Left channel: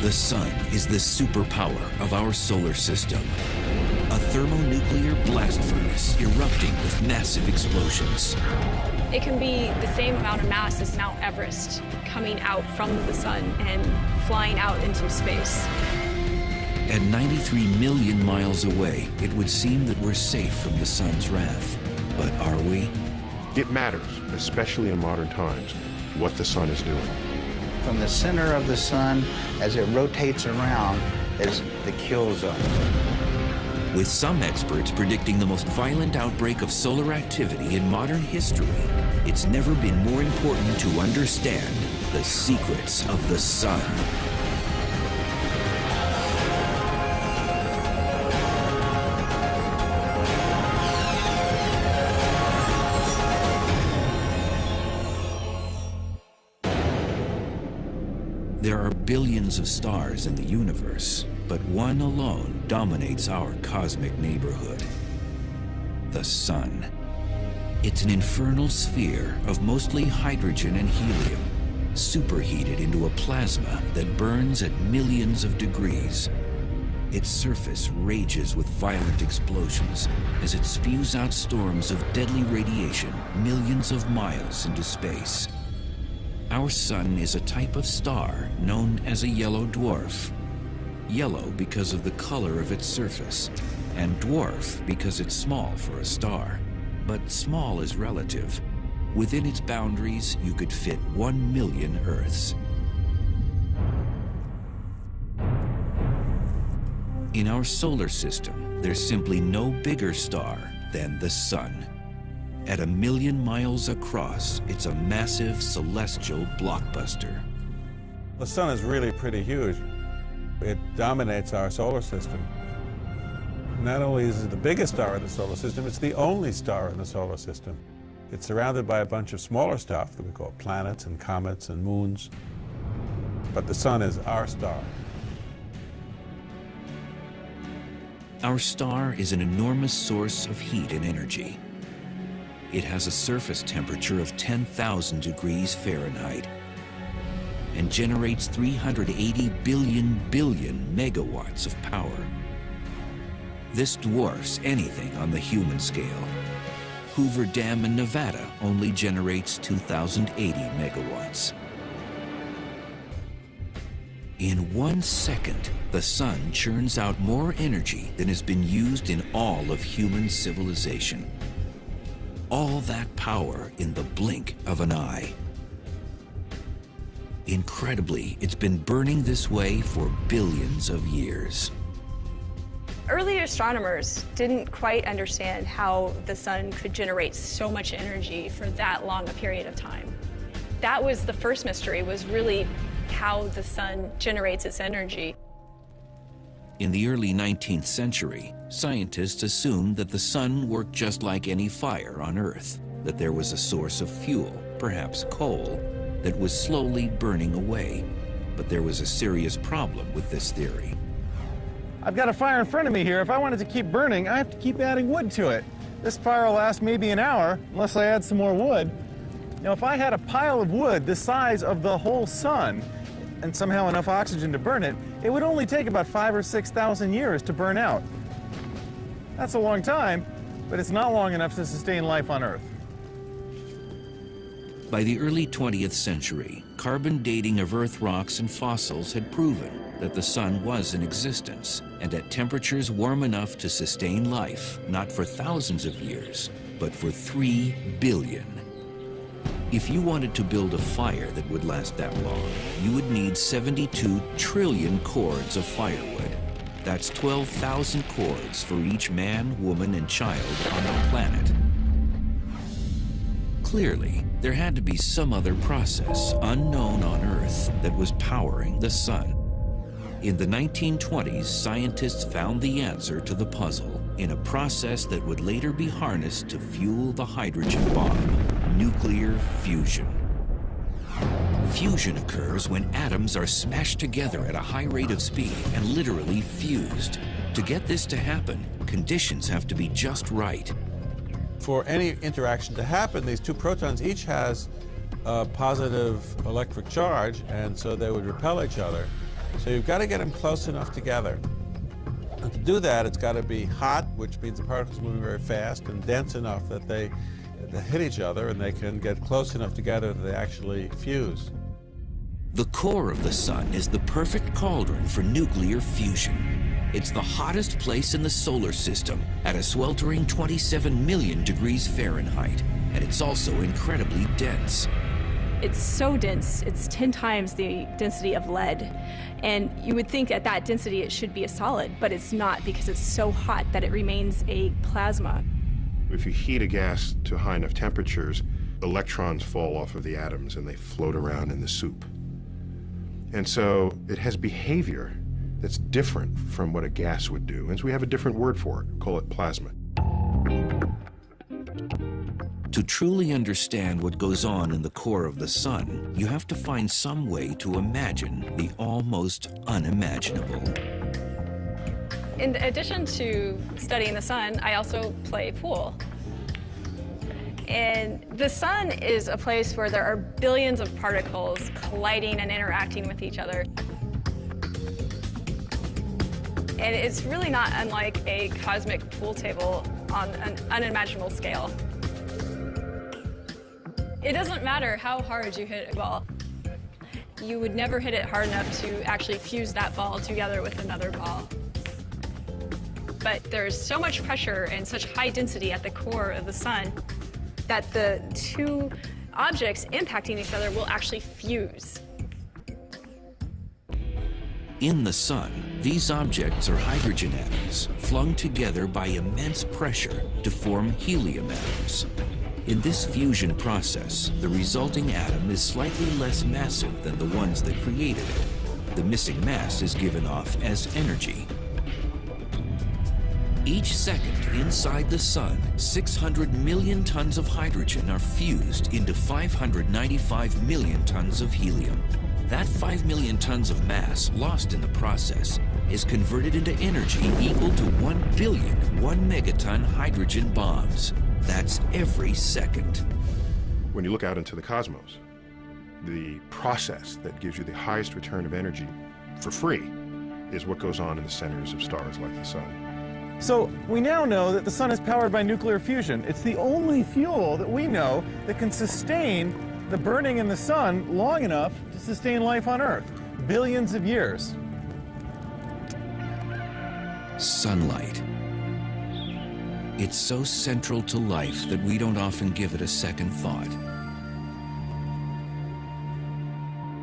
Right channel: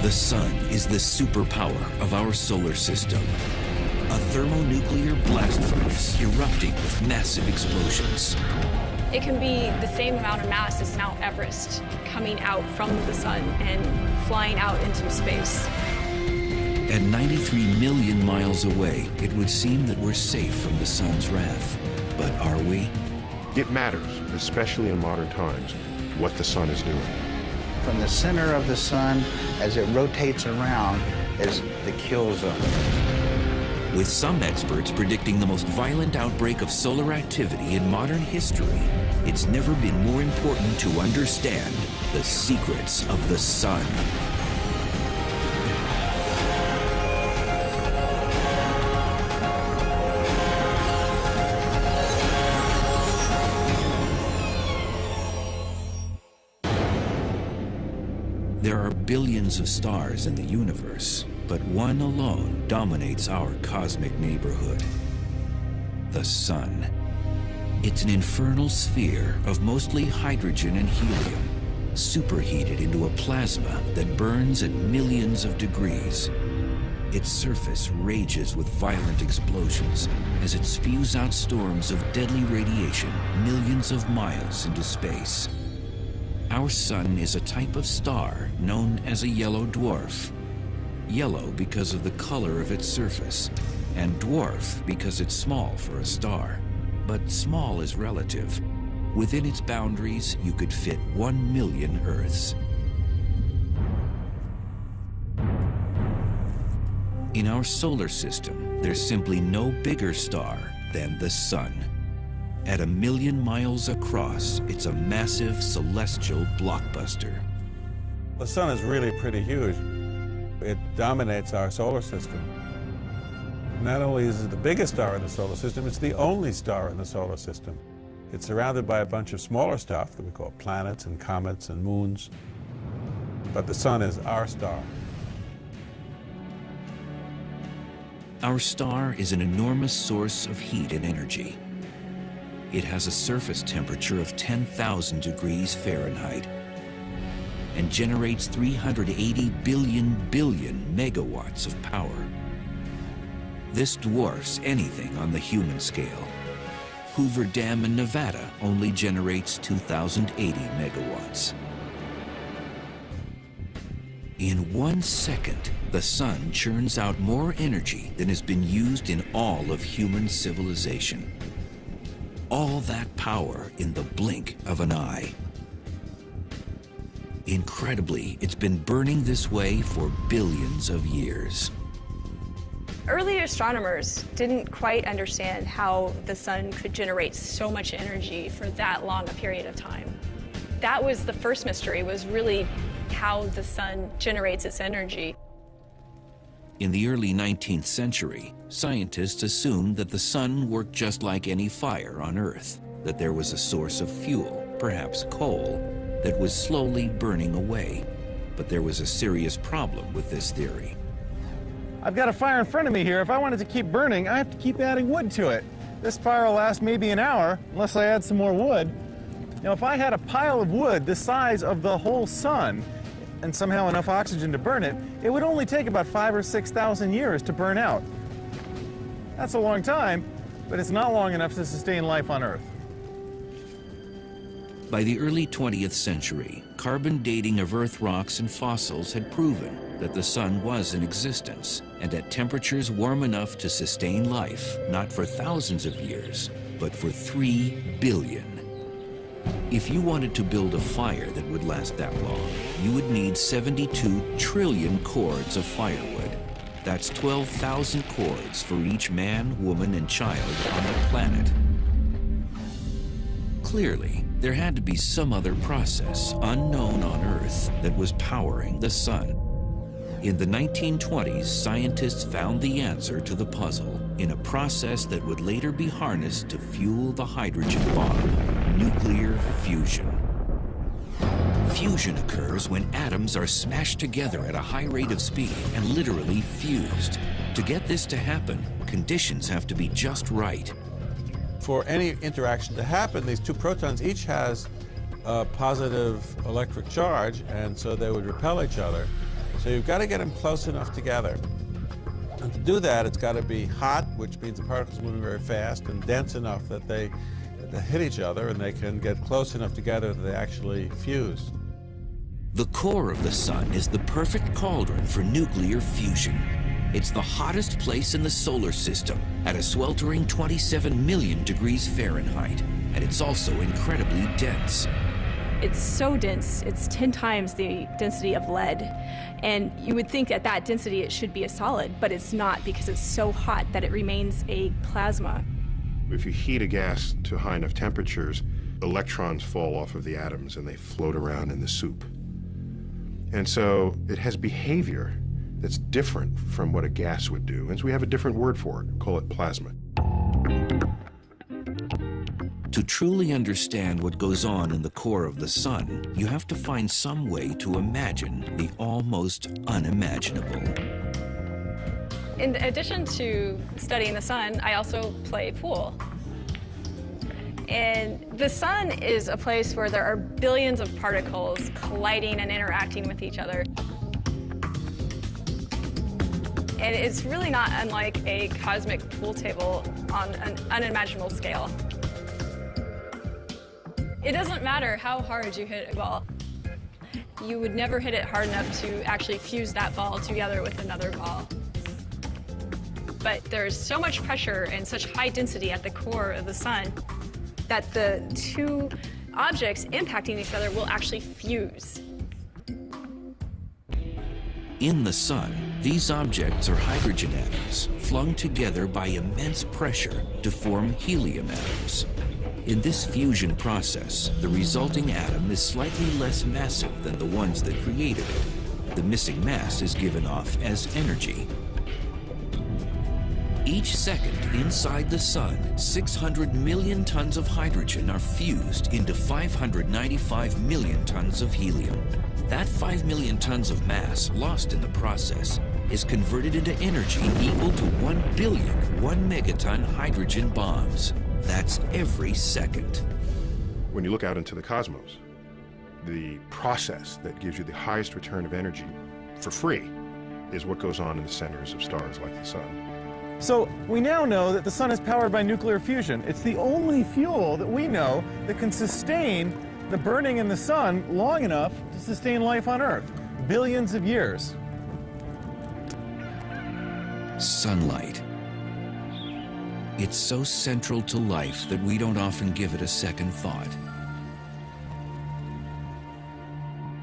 The sun is the superpower of our solar system. A thermonuclear blast furnace erupting with massive explosions. It can be the same amount of mass as Mount Everest coming out from the sun and flying out into space. At 93 million miles away, it would seem that we're safe from the sun's wrath. But are we? It matters, especially in modern times, what the sun is doing. From the center of the sun, as it rotates around, is the kill zone. With some experts predicting the most violent outbreak of solar activity in modern history, it's never been more important to understand the secrets of the sun. There are billions of stars in the universe, but one alone dominates our cosmic neighborhood: the sun. It's an infernal sphere of mostly hydrogen and helium, superheated into a plasma that burns at millions of degrees. Its surface rages with violent explosions as it spews out storms of deadly radiation millions of miles into space. Our sun is a type of star known as a yellow dwarf. Yellow because of the color of its surface, and dwarf because it's small for a star. But small is relative. Within its boundaries, you could fit 1 million Earths. In our solar system, there's simply no bigger star than the sun. At 1 million miles across, it's a massive celestial blockbuster. The sun is really pretty huge. It dominates our solar system. Not only is it the biggest star in the solar system, it's the only star in the solar system. It's surrounded by a bunch of smaller stuff that we call planets and comets and moons. But the sun is our star. Our star is an enormous source of heat and energy. It has a surface temperature of 10,000 degrees Fahrenheit and generates 380 billion megawatts of power. This dwarfs anything on the human scale. Hoover Dam in Nevada only generates 2,080 megawatts. In 1 second, the sun churns out more energy than has been used in all of human civilization. All that power in the blink of an eye. Incredibly, it's been burning this way for billions of years. Early astronomers didn't quite understand how the sun could generate so much energy for that long a period of time. That was the first mystery, was really how the sun generates its energy. In the early 19th century, scientists assumed that the sun worked just like any fire on Earth, that there was a source of fuel, perhaps coal, that was slowly burning away. But there was a serious problem with this theory. I've got a fire in front of me here. If I want it to keep burning, I have to keep adding wood to it. This fire will last maybe an hour, unless I add some more wood. Now, if I had a pile of wood the size of the whole sun, and somehow enough oxygen to burn it, it would only take about 5,000 or 6,000 years to burn out. That's a long time, but it's not long enough to sustain life on Earth. By the early 20th century, carbon dating of Earth rocks and fossils had proven that the sun was in existence, and at temperatures warm enough to sustain life, not for thousands of years, but for 3 billion. If you wanted to build a fire that would last that long, you would need 72 trillion cords of firewood. That's 12,000 cords for each man, woman, and child on the planet. Clearly, there had to be some other process unknown on Earth that was powering the sun. In the 1920s, scientists found the answer to the puzzle in a process that would later be harnessed to fuel the hydrogen bomb: nuclear fusion. Fusion occurs when atoms are smashed together at a high rate of speed and literally fused. To get this to happen, conditions have to be just right. For any interaction to happen, these two protons each has a positive electric charge, and so they would repel each other. So you've got to get them close enough together. And to do that, it's got to be hot, which means the particles moving very fast, and dense enough that they hit each other and they can get close enough together that they actually fuse. The core of the sun is the perfect cauldron for nuclear fusion. It's the hottest place in the solar system at a sweltering 27 million degrees Fahrenheit, and it's also incredibly dense. It's so dense, it's 10 times the density of lead. And you would think at that density it should be a solid, but it's not because it's so hot that it remains a plasma. If you heat a gas to high enough temperatures, electrons fall off of the atoms and they float around in the soup. And so it has behavior that's different from what a gas would do. And so we have a different word for it, call it plasma. To truly understand what goes on in the core of the sun, you have to find some way to imagine the almost unimaginable. In addition to studying the sun, I also play pool. And the sun is a place where there are billions of particles colliding and interacting with each other. And it's really not unlike a cosmic pool table on an unimaginable scale. It doesn't matter how hard you hit a ball. You would never hit it hard enough to actually fuse that ball together with another ball. But there's so much pressure and such high density at the core of the sun that the two objects impacting each other will actually fuse. In the sun, these objects are hydrogen atoms flung together by immense pressure to form helium atoms. In this fusion process, the resulting atom is slightly less massive than the ones that created it. The missing mass is given off as energy. Each second inside the sun, 600 million tons of hydrogen are fused into 595 million tons of helium. That 5 million tons of mass lost in the process is converted into energy equal to 1 billion 1 megaton hydrogen bombs. That's every second. When you look out into the cosmos, the process that gives you the highest return of energy for free is what goes on in the centers of stars like the sun. So we now know that the sun is powered by nuclear fusion. It's the only fuel that we know that can sustain the burning in the sun long enough to sustain life on Earth. Billions of years. Sunlight. It's so central to life that we don't often give it a second thought.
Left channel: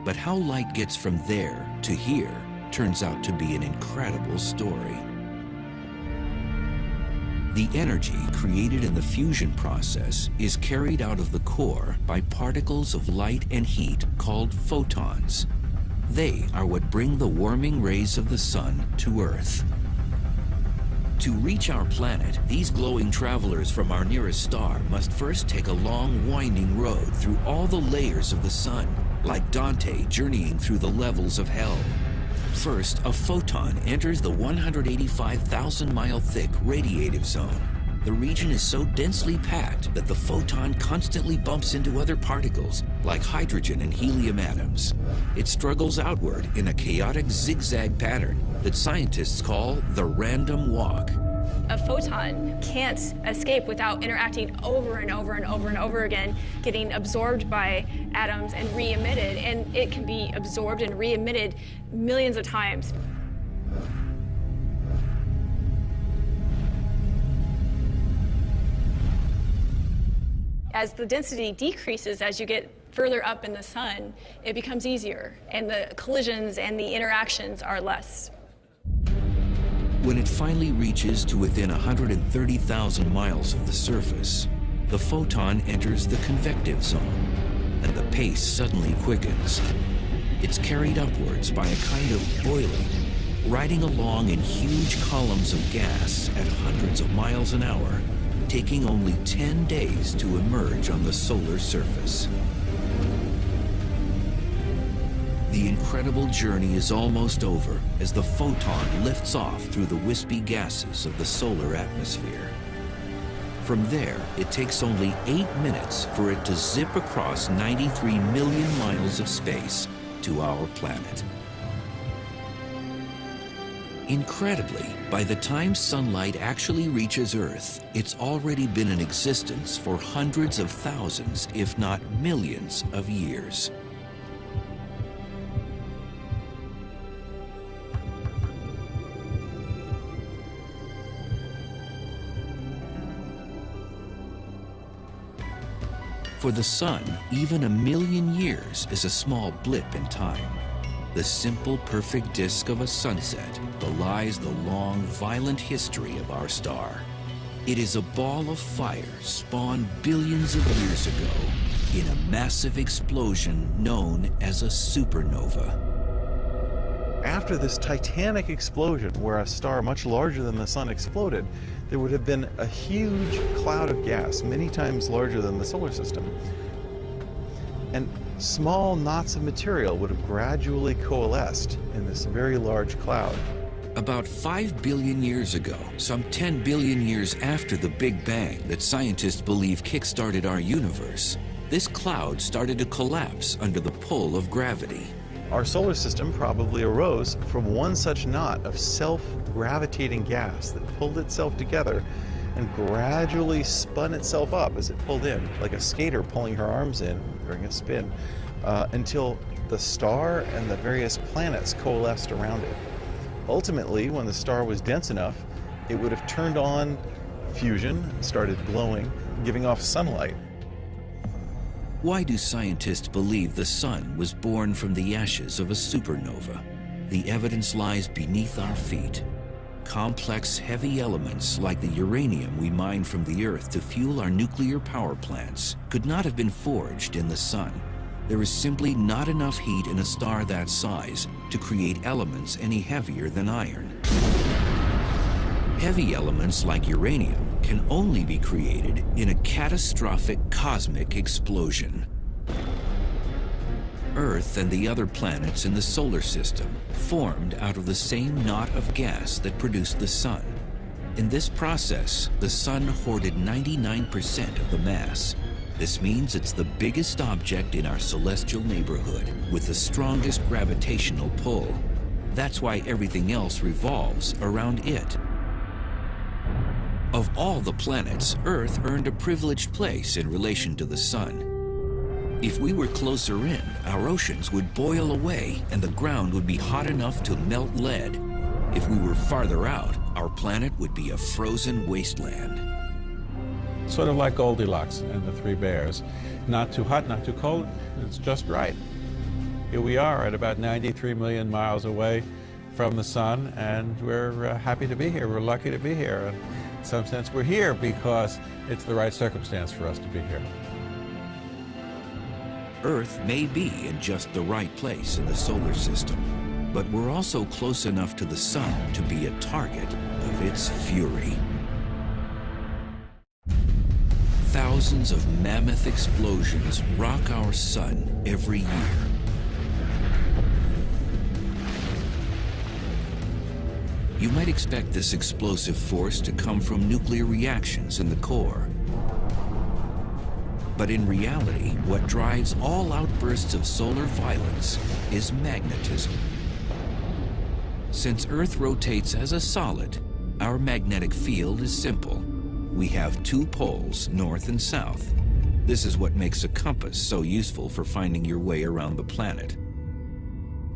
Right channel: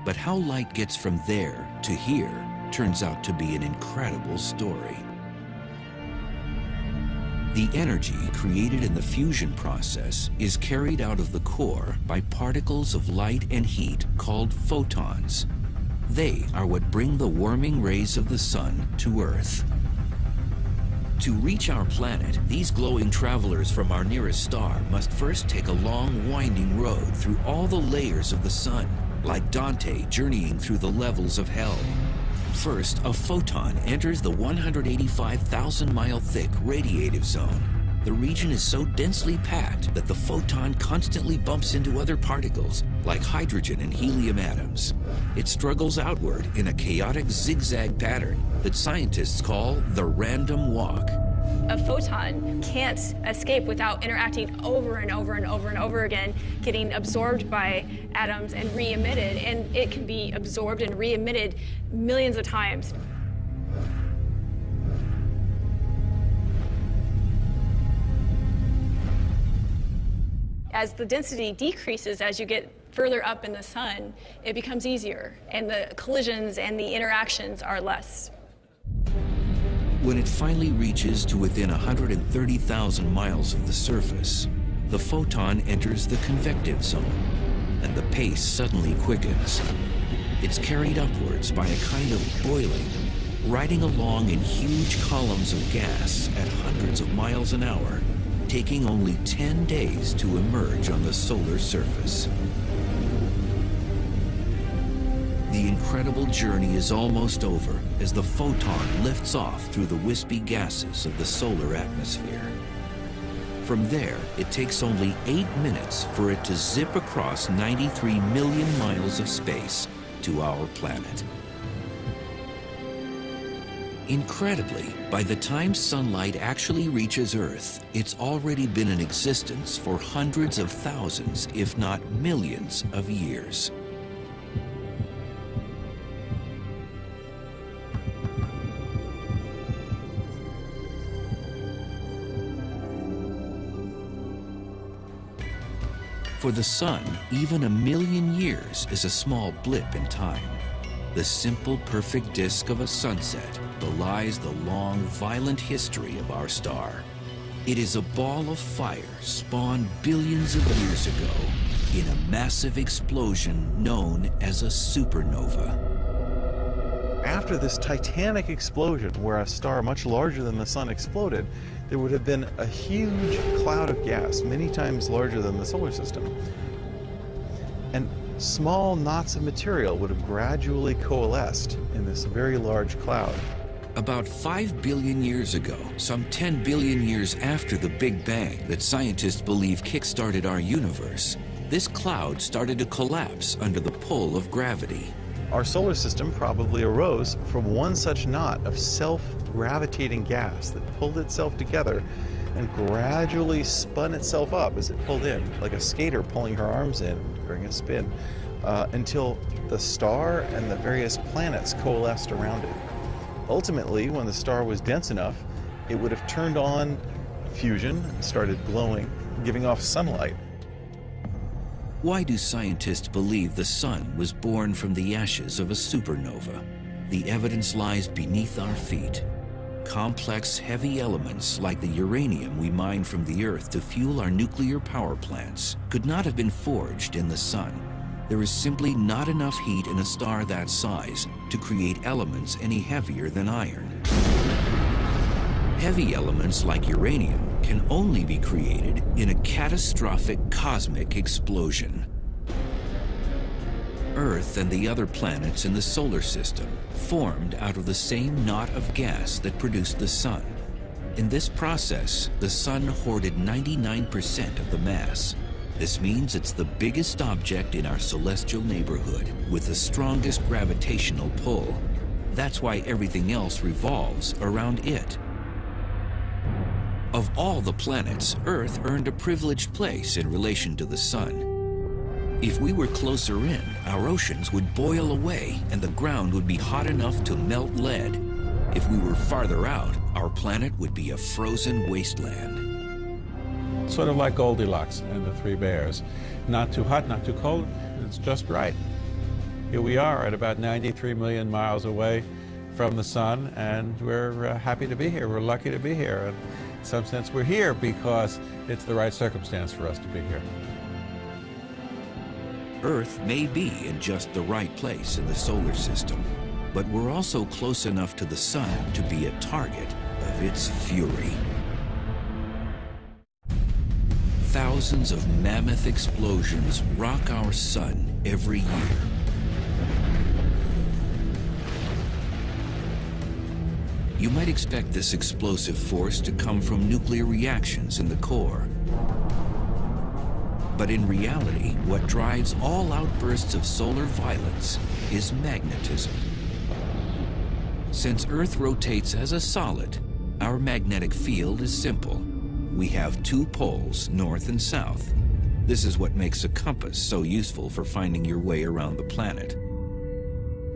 But how light gets from there to here turns out to be an incredible story. The energy created in the fusion process is carried out of the core by particles of light and heat called photons. They are what bring the warming rays of the sun to Earth. To reach our planet, these glowing travelers from our nearest star must first take a long, winding road through all the layers of the sun, like Dante journeying through the levels of hell. First, a photon enters the 185,000-mile-thick radiative zone. The region is so densely packed that the photon constantly bumps into other particles, like hydrogen and helium atoms. It struggles outward in a chaotic zigzag pattern that scientists call the random walk. A photon can't escape without interacting over and over and over and over again, getting absorbed by atoms and re-emitted, and it can be absorbed and re-emitted millions of times. As the density decreases as you get further up in the sun, it becomes easier, and the collisions and the interactions are less. When it finally reaches to within 130,000 miles of the surface, the photon enters the convective zone, and the pace suddenly quickens. It's carried upwards by a kind of boiling, riding along in huge columns of gas at hundreds of miles an hour, taking only 10 days to emerge on the solar surface. The incredible journey is almost over as the photon lifts off through the wispy gases of the solar atmosphere. From there, it takes only 8 minutes for it to zip across 93 million miles of space to our planet. Incredibly, by the time sunlight actually reaches Earth, it's already been in existence for hundreds of thousands, if not millions, of years. For the Sun, even a million years is a small blip in time. The simple, perfect disk of a sunset belies the long, violent history of our star. It is a ball of fire spawned billions of years ago in a massive explosion known as a supernova. After this titanic explosion, where a star much larger than the Sun exploded, there would have been a huge cloud of gas, many times larger than the solar system. And small knots of material would have gradually coalesced in this very large cloud. About 5 billion years ago, some 10 billion years after the Big Bang that scientists believe kick-started our universe, this cloud started to collapse under the pull of gravity. Our solar system probably arose from one such knot of self-gravitating gas that pulled itself together and gradually spun itself up as it pulled in, like a skater pulling her arms in during a spin, until the star and the various planets coalesced around it. Ultimately, when the star was dense enough, it would have turned on fusion, started glowing, giving off sunlight. Why do scientists believe the Sun was born from the ashes of a supernova? The evidence lies beneath our feet. Complex, heavy elements like the uranium we mine from the Earth to fuel our nuclear power plants could not have been forged in the Sun. There is simply not enough heat in a star that size to create elements any heavier than iron. Heavy elements like uranium can only be created in a catastrophic cosmic explosion. Earth and the other planets in the solar system formed out of the same knot of gas that produced the Sun. In this process, the Sun hoarded 99% of the mass. This means it's the biggest object in our celestial neighborhood with the strongest gravitational pull. That's why everything else revolves around it. Of all the planets, Earth earned a privileged place in relation to the Sun. If we were closer in, our oceans would boil away and the ground would be hot enough to melt lead. If we were farther out, our planet would be a frozen wasteland. Sort of like Goldilocks and the Three Bears. Not too hot, not too cold, it's just right. Here we are at about 93 million miles away from the Sun, and we're happy to be here. We're lucky to be here. And in some sense, we're here because it's the right circumstance for us to be here. Earth may be in just the right place in the solar system, but we're also close enough to the Sun to be a target of its fury. Thousands of mammoth explosions rock our Sun every year. You might expect this explosive force to come from nuclear reactions in the core. But in reality, what drives all outbursts of solar violence is magnetism. Since Earth rotates as a solid, our magnetic field is simple. We have two poles, north and south. This is what makes a compass so useful for finding your way around the planet.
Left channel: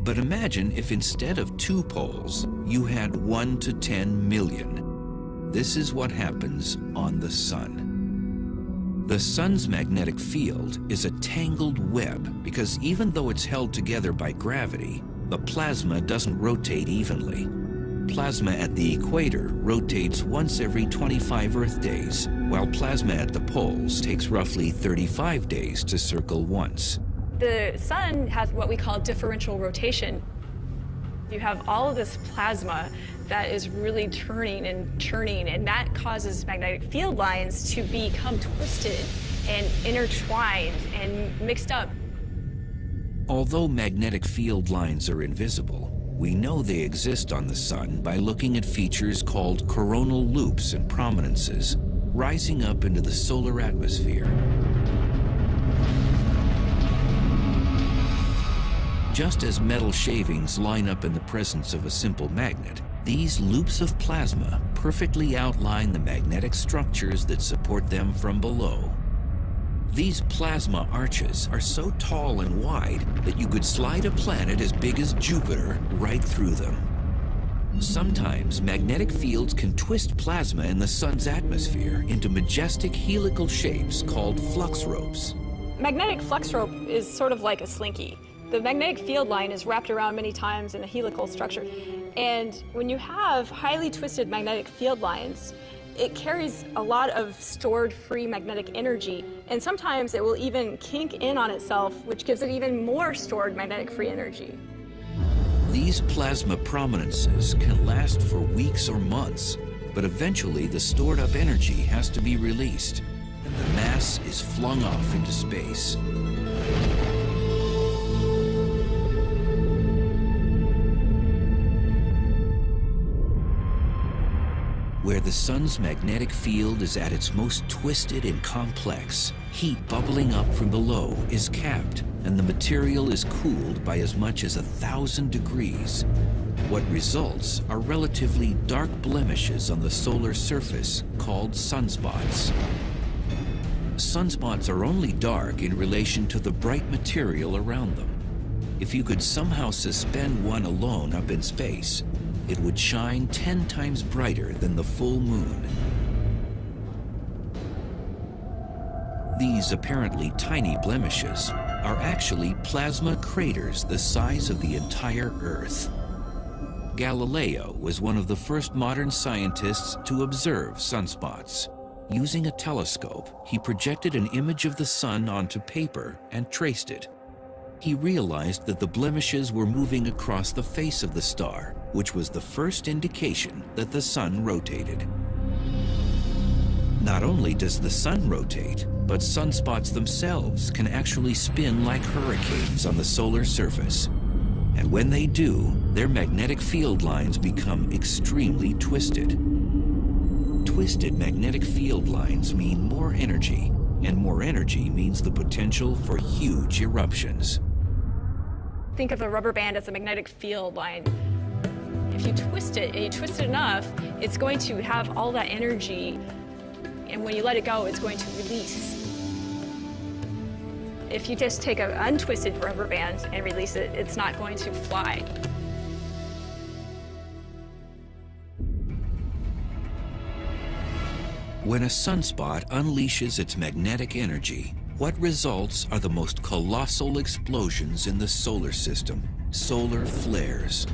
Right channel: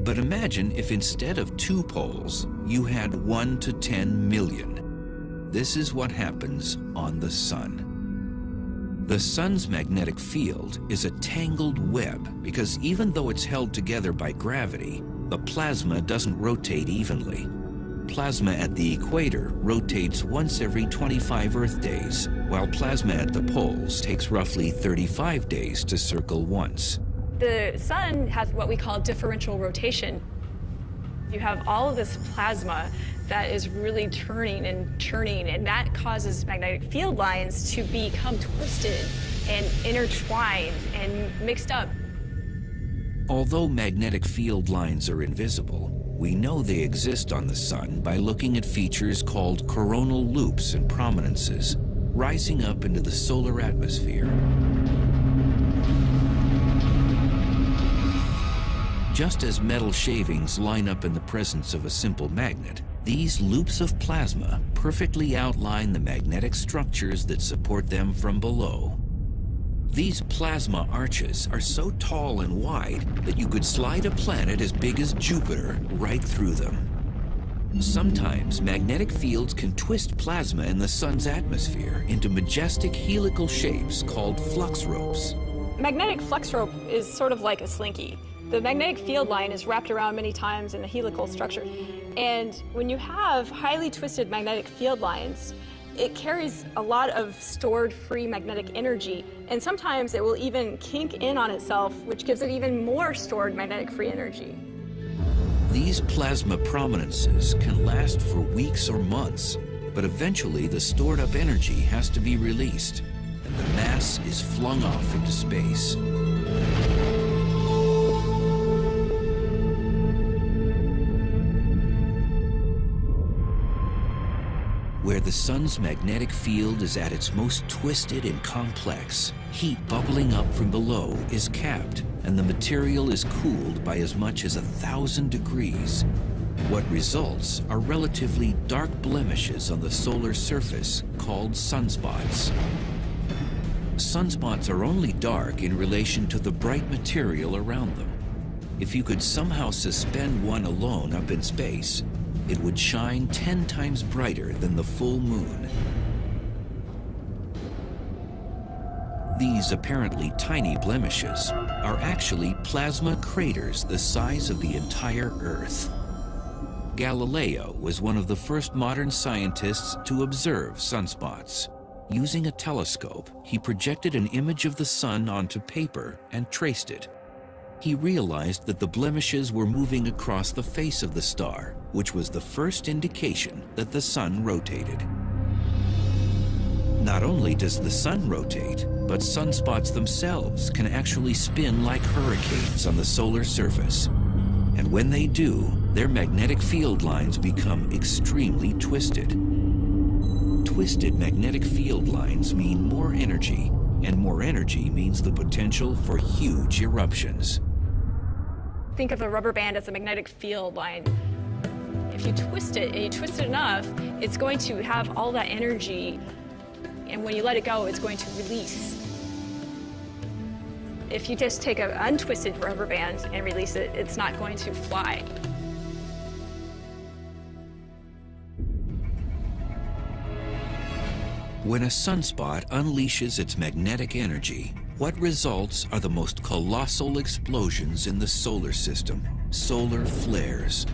But imagine if instead of two poles, you had 1 to 10 million. This is what happens on the Sun. The Sun's magnetic field is a tangled web because even though it's held together by gravity, the plasma doesn't rotate evenly. Plasma at the equator rotates once every 25 Earth days, while plasma at the poles takes roughly 35 days to circle once. The Sun has what we call differential rotation. You have all of this plasma that is really turning and churning, and that causes magnetic field lines to become twisted and intertwined and mixed up. Although magnetic field lines are invisible, we know they exist on the Sun by looking at features called coronal loops and prominences rising up into the solar atmosphere. Just as metal shavings line up in the presence of a simple magnet, These loops of plasma perfectly outline the magnetic structures that support them from below. These plasma arches are so tall and wide that you could slide a planet as big as Jupiter right through them. Sometimes magnetic fields can twist plasma in the sun's atmosphere into majestic helical shapes called flux ropes. Magnetic flux rope is sort of like a slinky. The magnetic field line is wrapped around many times in the helical structure. And when you have highly twisted magnetic field lines, it carries a lot of stored free magnetic energy, and sometimes it will even kink in on itself, which gives it even more stored magnetic free energy. These plasma prominences can last for weeks or months, but eventually the stored up energy has to be released, and the mass is flung off into space. Where the sun's magnetic field is at its most twisted and complex, heat bubbling up from below is capped, and the material is cooled by as much as 1,000 degrees. What results are relatively dark blemishes on the solar surface called sunspots. Sunspots are only dark in relation to the bright material around them. If you could somehow suspend one alone up in space, it would shine 10 times brighter than the full moon. These apparently tiny blemishes are actually plasma craters the size of the entire Earth. Galileo was one of the first modern scientists to observe sunspots. Using a telescope, he projected an image of the sun onto paper and traced it. He realized that the blemishes were moving across the face of the star, which was the first indication that the sun rotated. Not only does the sun rotate, but sunspots themselves can actually spin like hurricanes on the solar surface. And when they do, their magnetic field lines become extremely twisted. Twisted magnetic field lines mean more energy, and more energy means the potential for huge eruptions. Think of a rubber band as a magnetic field line. If you twist it, and you twist it enough, it's going to have all that energy, and when you let it go, it's going to release. If you just take an untwisted rubber band and release it, it's not going to fly. When a sunspot unleashes its magnetic energy, what results are the most colossal explosions in the solar system: solar flares.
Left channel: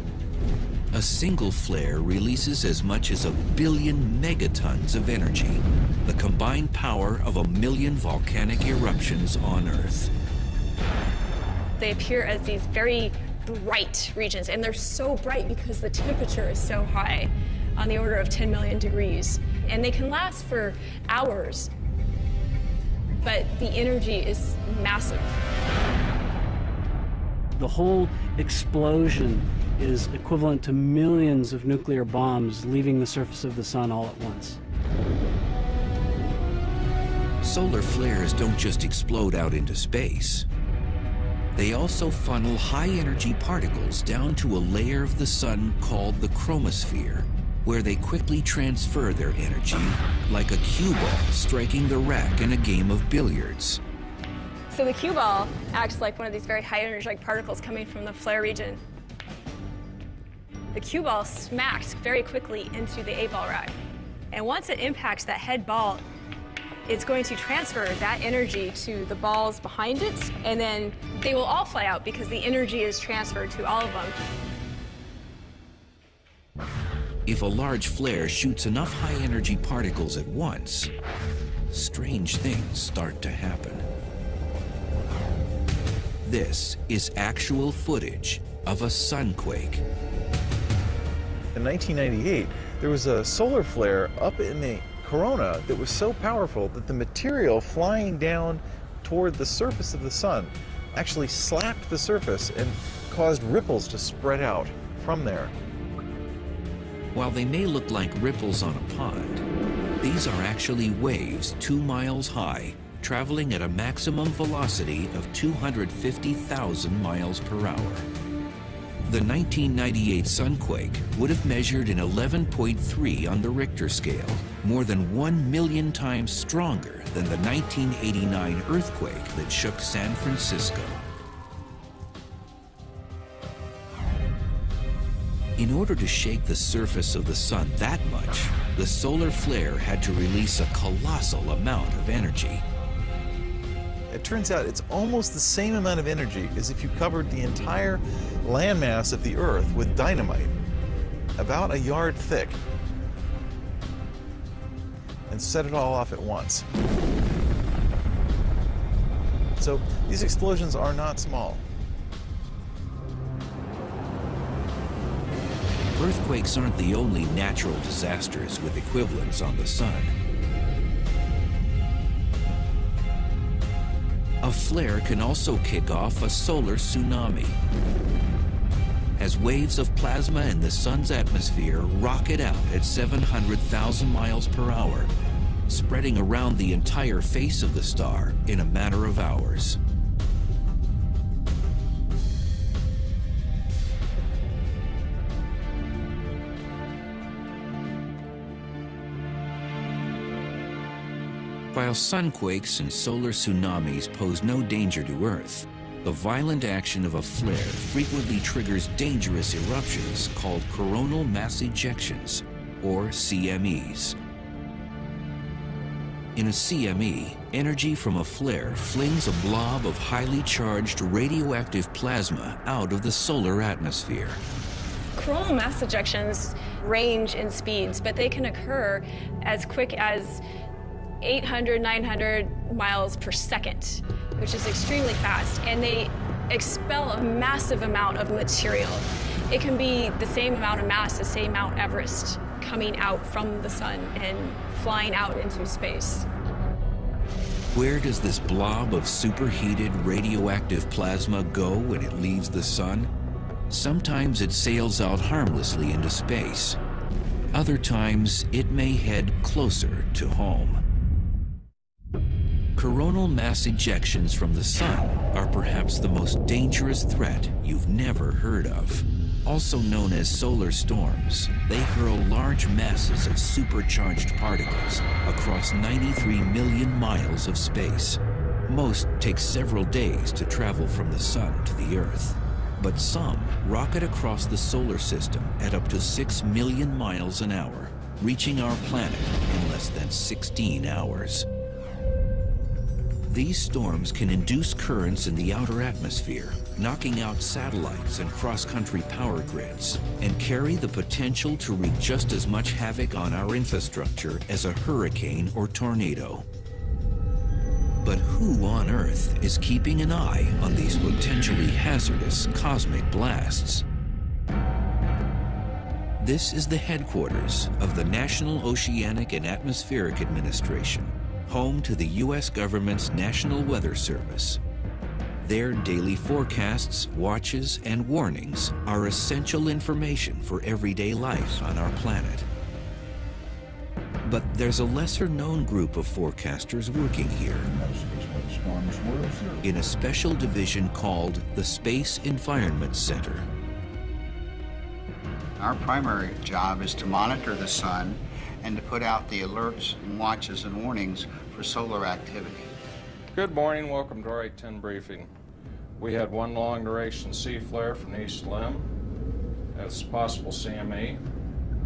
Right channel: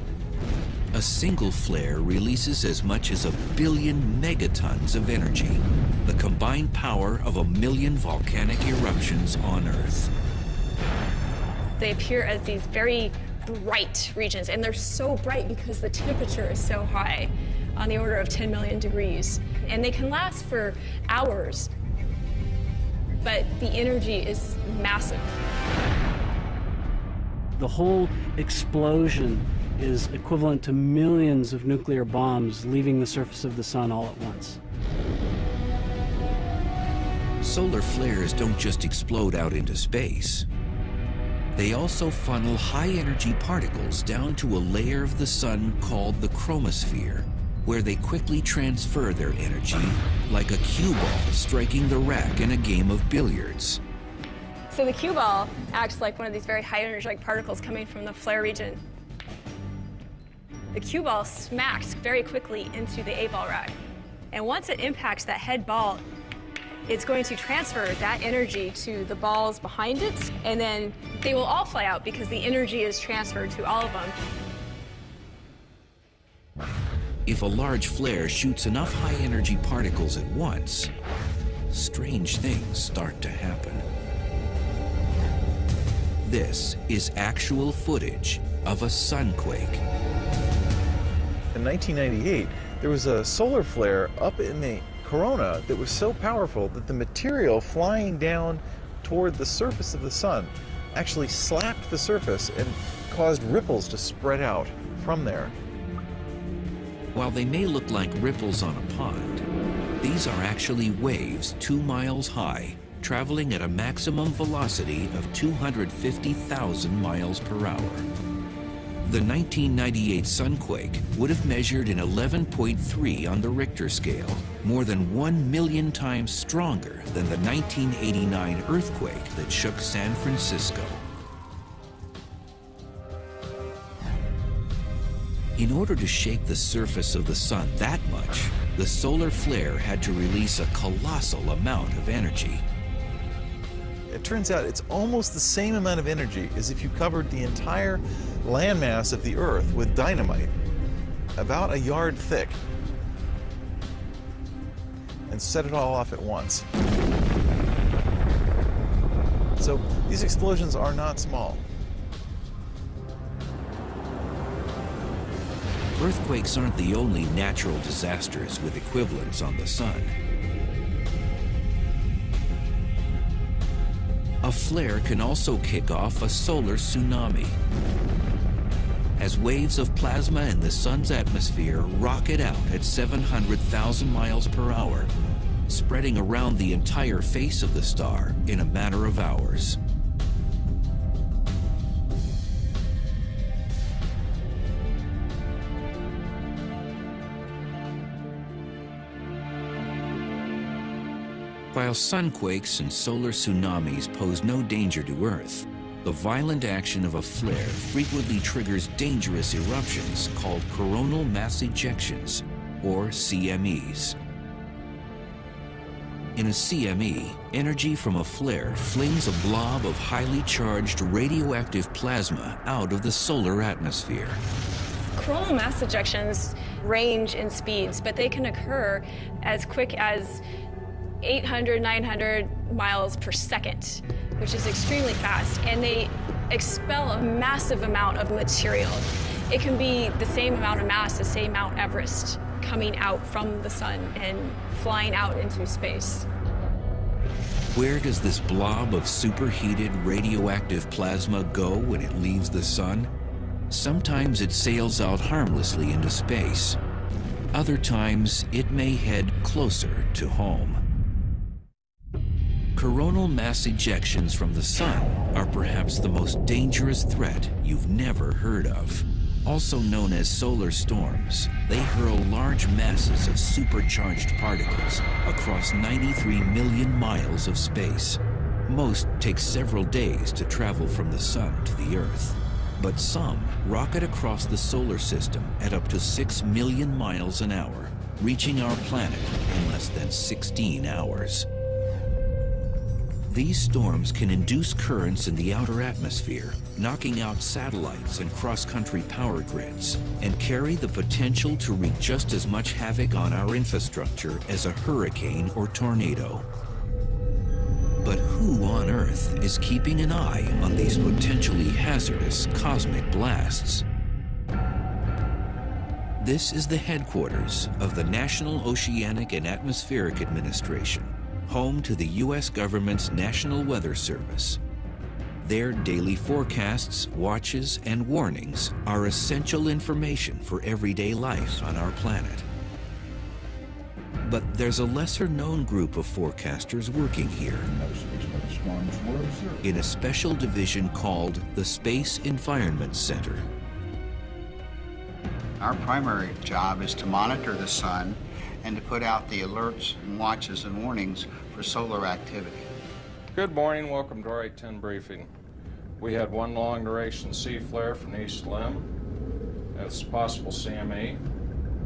A single flare releases as much as 1 billion megatons of energy, the combined power of 1 million volcanic eruptions on Earth. They appear as these very bright regions, and they're so bright because the temperature is so high, on the order of 10 million degrees, and they can last for hours, but the energy is massive. The whole explosion is equivalent to millions of nuclear bombs leaving the surface of the sun all at once. Solar flares don't just explode out into space. They also funnel high-energy particles down to a layer of the sun called the chromosphere, where they quickly transfer their energy, like a cue ball striking the rack in a game of billiards. So the cue ball acts like one of these very high-energy particles coming from the flare region. The cue ball smacks very quickly into the 8-ball rack. And once it impacts that head ball, it's going to transfer that energy to the balls behind it, and then they will all fly out because the energy is transferred to all of them. If a large flare shoots enough high-energy particles at once, strange things start to happen. This is actual footage of a sunquake. In 1998, there was a solar flare up in the corona that was so powerful that the material flying down toward the surface of the sun actually slapped the surface and caused ripples to spread out from there. While they may look like ripples on a pond, these are actually waves 2 miles high, traveling at a maximum velocity of 250,000 miles per hour. The 1998 sunquake would have measured an 11.3 on the Richter scale, more than 1 million times stronger than the 1989 earthquake that shook San Francisco. In order to shake the surface of the sun that much, the solar flare had to release a colossal amount of energy. It turns out it's almost the same amount of energy as if you covered the entire landmass of the Earth with dynamite, about a yard thick, and set it all off at once. So these explosions are not small. Earthquakes aren't the only natural disasters with equivalents on the sun. A flare can also kick off a solar tsunami. As waves of plasma in the sun's atmosphere rocket out at 700,000 miles per hour, spreading around the entire face of the star in a matter of hours. While sunquakes and solar tsunamis pose no danger to Earth, the violent action of a flare frequently triggers dangerous eruptions called coronal mass ejections, or CMEs. In a CME, energy from a flare flings a blob of highly charged radioactive plasma out of the solar atmosphere. Coronal mass ejections range in speeds, but they can occur as quick as 800, 900 miles per second, which is extremely fast, and they expel a massive amount of material. It can be the same amount of mass as, say, Mount Everest coming out from the sun and flying out into space. Where does this blob of superheated radioactive plasma go when it leaves the sun? Sometimes it sails out harmlessly into space. Other times, it may head closer to home. Coronal mass ejections from the sun are perhaps the most dangerous threat you've never heard of. Also known as solar storms, they hurl large masses of supercharged particles across 93 million miles of space. Most take several days to travel from the sun to the Earth, but some rocket across the solar system at up to 6 million miles an hour, reaching our planet in less than 16 hours. These storms can induce currents in the outer atmosphere, knocking out satellites and cross-country power grids, and carry the potential to wreak just as much havoc on our infrastructure as a hurricane or tornado. But who on Earth is keeping an eye on these potentially hazardous cosmic blasts? This is the headquarters of the National Oceanic and Atmospheric Administration, home to the U.S. government's National Weather Service. Their daily forecasts, watches, and warnings are essential information for everyday life on our planet. But there's a lesser-known group of forecasters working here in a special division called the Space Environment Center. Our primary job is to monitor the sun and to put out the alerts and watches and warnings for solar activity. Good morning, welcome to our 810 briefing. We had one long duration C flare from East Limb. That's possible CME.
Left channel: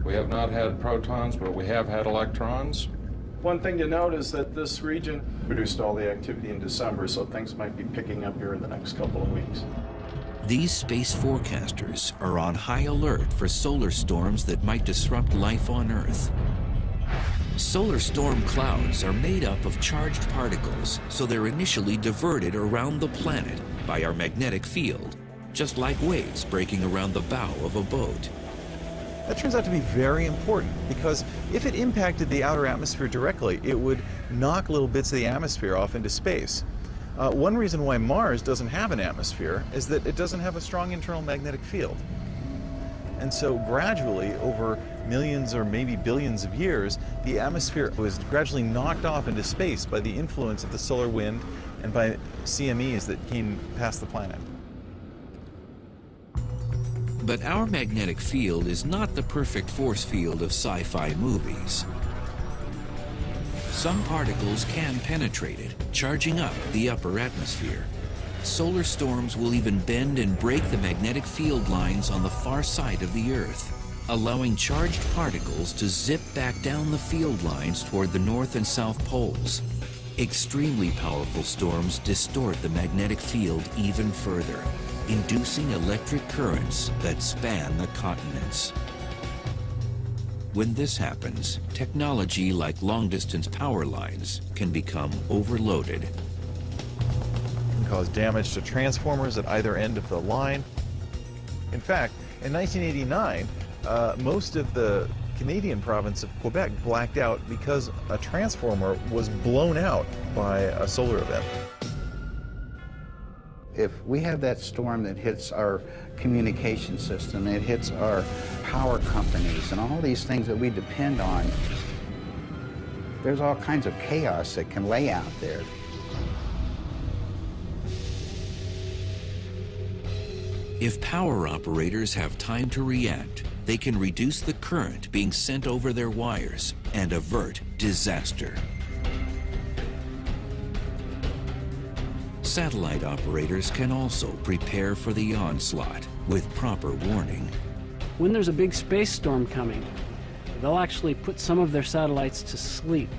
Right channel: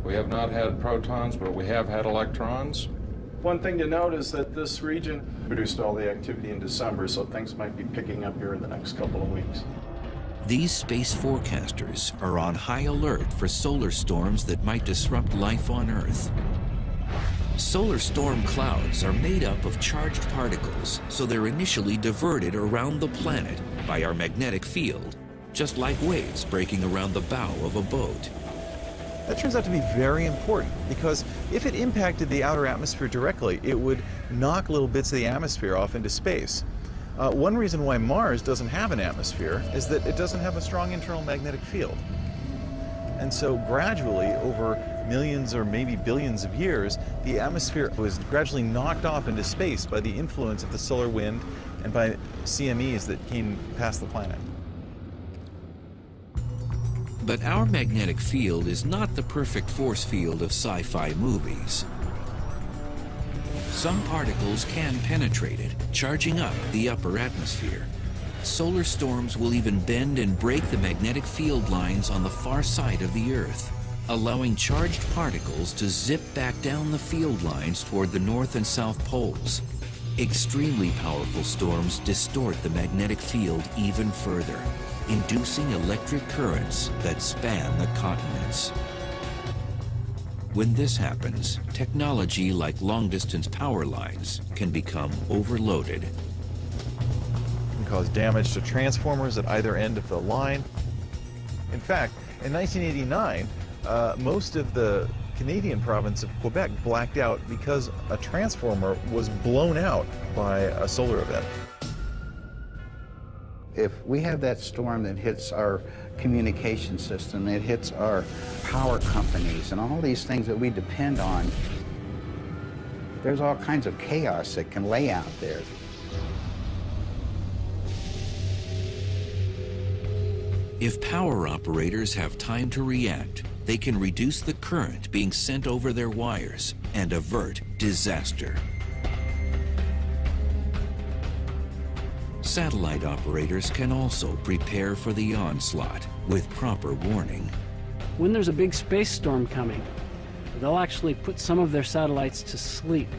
We have not had protons, but we have had electrons. One thing to note is that this region produced all the activity in December, so things might be picking up here in the next couple of weeks. These space forecasters are on high alert for solar storms that might disrupt life on Earth. Solar storm clouds are made up of charged particles, so they're initially diverted around the planet by our magnetic field, just like waves breaking around the bow of a boat. That turns out to be very important because if it impacted the outer atmosphere directly, it would knock little bits of the atmosphere off into space. One reason why Mars doesn't have an atmosphere is that it doesn't have a strong internal magnetic field. And so gradually, over millions or maybe billions of years, the atmosphere was gradually knocked off into space by the influence of the solar wind and by CMEs that came past the planet. But our magnetic field is not the perfect force field of sci-fi movies. Some particles can penetrate it, charging up the upper atmosphere. Solar storms will even bend and break the magnetic field lines on the far side of the Earth, allowing charged particles to zip back down the field lines toward the north and south poles. Extremely powerful storms distort the magnetic field even further, inducing electric currents that span the continents. When this happens, technology like long-distance power lines can become overloaded. Cause damage to transformers at either end of the line. In fact, in 1989, most of the Canadian province of Quebec blacked out because a transformer was blown out by a solar event. If we have that storm that hits our communication system, it hits our power companies and all these things that we depend on, there's all kinds of chaos that can lay out there. If power operators have time to react, they can reduce the current being sent over their wires and avert disaster. Satellite operators can also prepare for the onslaught with proper warning. When there's a big space storm coming, they'll actually put some of their satellites to sleep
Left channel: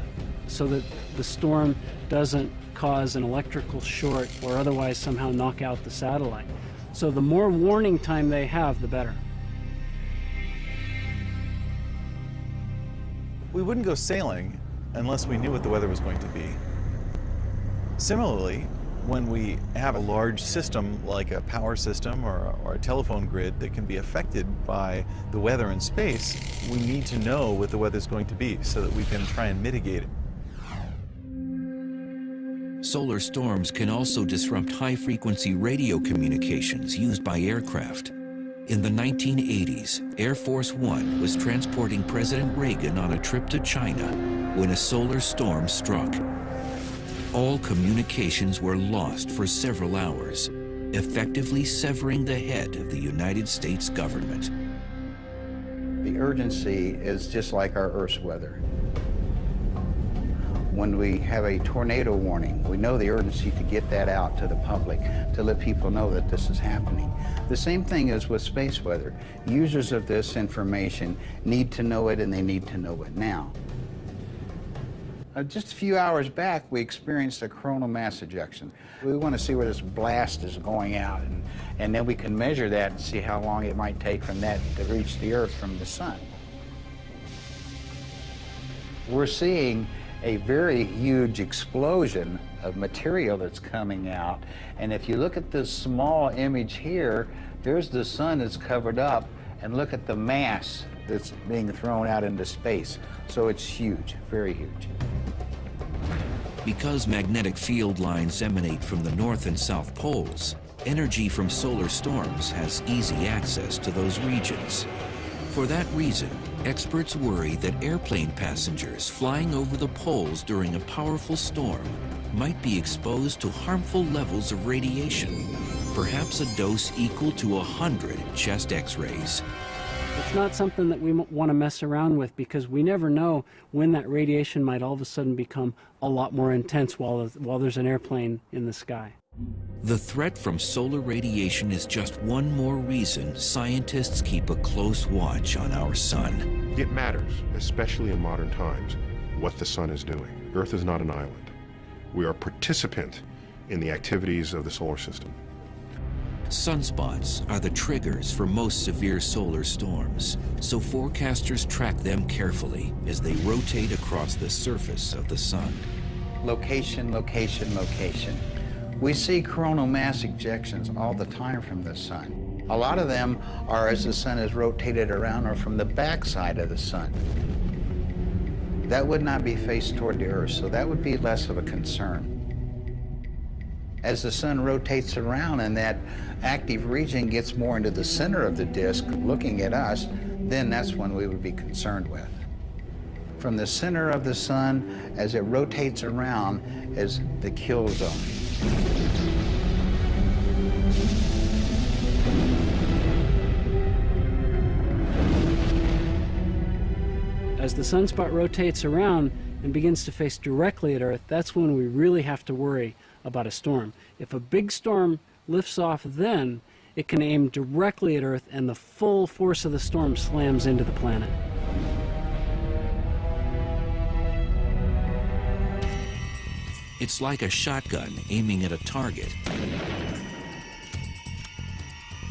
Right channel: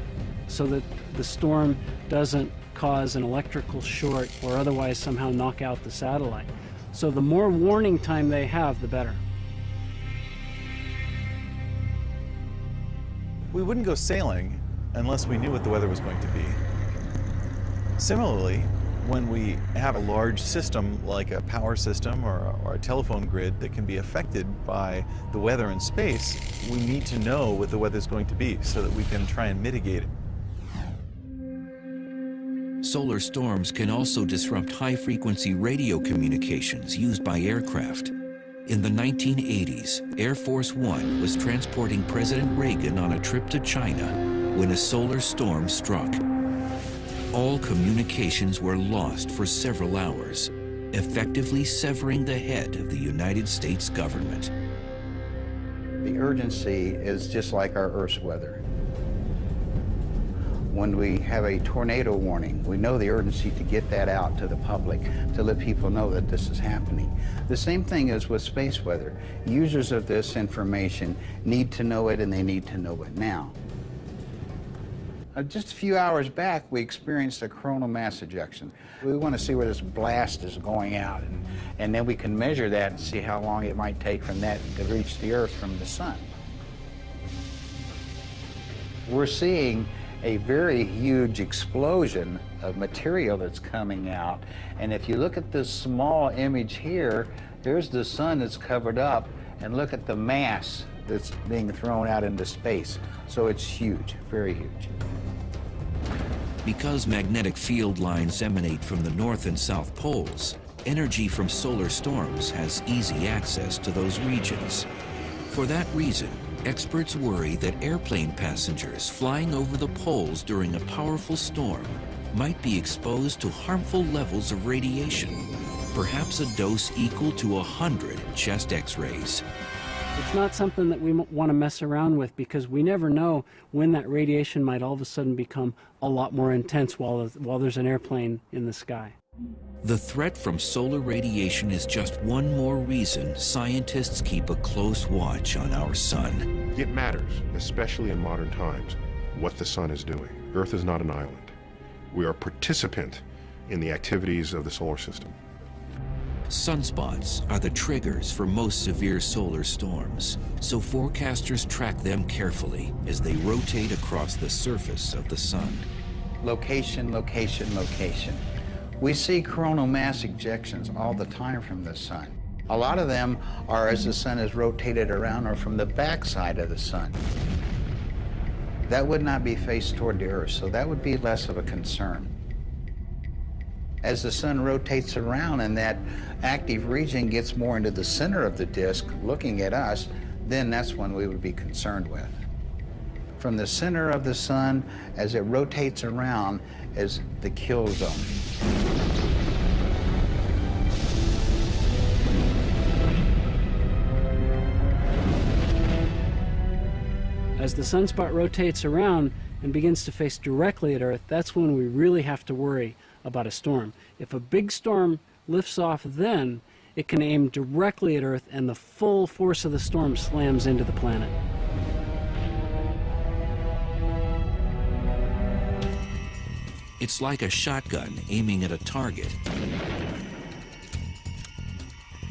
so that the storm doesn't cause an electrical short or otherwise somehow knock out the satellite. So the more warning time they have, the better. We wouldn't go sailing unless we knew what the weather was going to be. Similarly, when we have a large system like a power system or a telephone grid that can be affected by the weather in space, we need to know what the weather's going to be so that we can try and mitigate it. Solar storms can also disrupt high-frequency radio communications used by aircraft. In the 1980s, Air Force One was transporting President Reagan on a trip to China when a solar storm struck. All communications were lost for several hours, effectively severing the head of the United States government. The urgency is just like our Earth's weather. When we have a tornado warning, we know the urgency to get that out to the public, to let people know that this is happening. The same thing is with space weather. Users of this information need to know it, and they need to know it now. Just a few hours back, we experienced a coronal mass ejection. We want to see where this blast is going out, and then we can measure that and see how long it might take from that to reach the Earth from the sun. We're seeing a very huge explosion of material that's coming out. And if you look at the small image here, there's the sun that's covered up, and look at the mass that's being thrown out into space. So it's huge, very huge. Because magnetic field lines emanate from the north and south poles, energy from solar storms has easy access to those regions. For that reason, experts worry that airplane passengers flying over the poles during a powerful storm might be exposed to harmful levels of radiation, perhaps a dose equal to 100 chest X-rays. It's not something that we want to mess around with because we never know when that radiation might all of a sudden become a lot more intense while there's an airplane in the sky. The threat from solar radiation is just one more reason scientists keep a close watch on our sun. It matters, especially in modern times, what the sun is doing. Earth is not an island. We are a participant in the activities of the solar system. Sunspots are the triggers for most severe solar storms, so forecasters track them carefully as they rotate across the surface of the sun. Location, location, location. We see coronal mass ejections all the time from the sun. A lot of them are as the sun is rotated around or from the backside of the sun. That would not be faced toward the Earth, so that would be less of a concern. As the sun rotates around and that active region gets more into the center of the disk, looking at us, then that's one we would be concerned with. From the center of the sun, as it rotates around, is the kill zone. as the sunspot rotates around and begins to face directly at Earth, that's when we really have to worry about a storm. If a big storm lifts off then, it can aim directly at Earth and the full force of the storm slams into the planet. It's like a shotgun aiming at a target.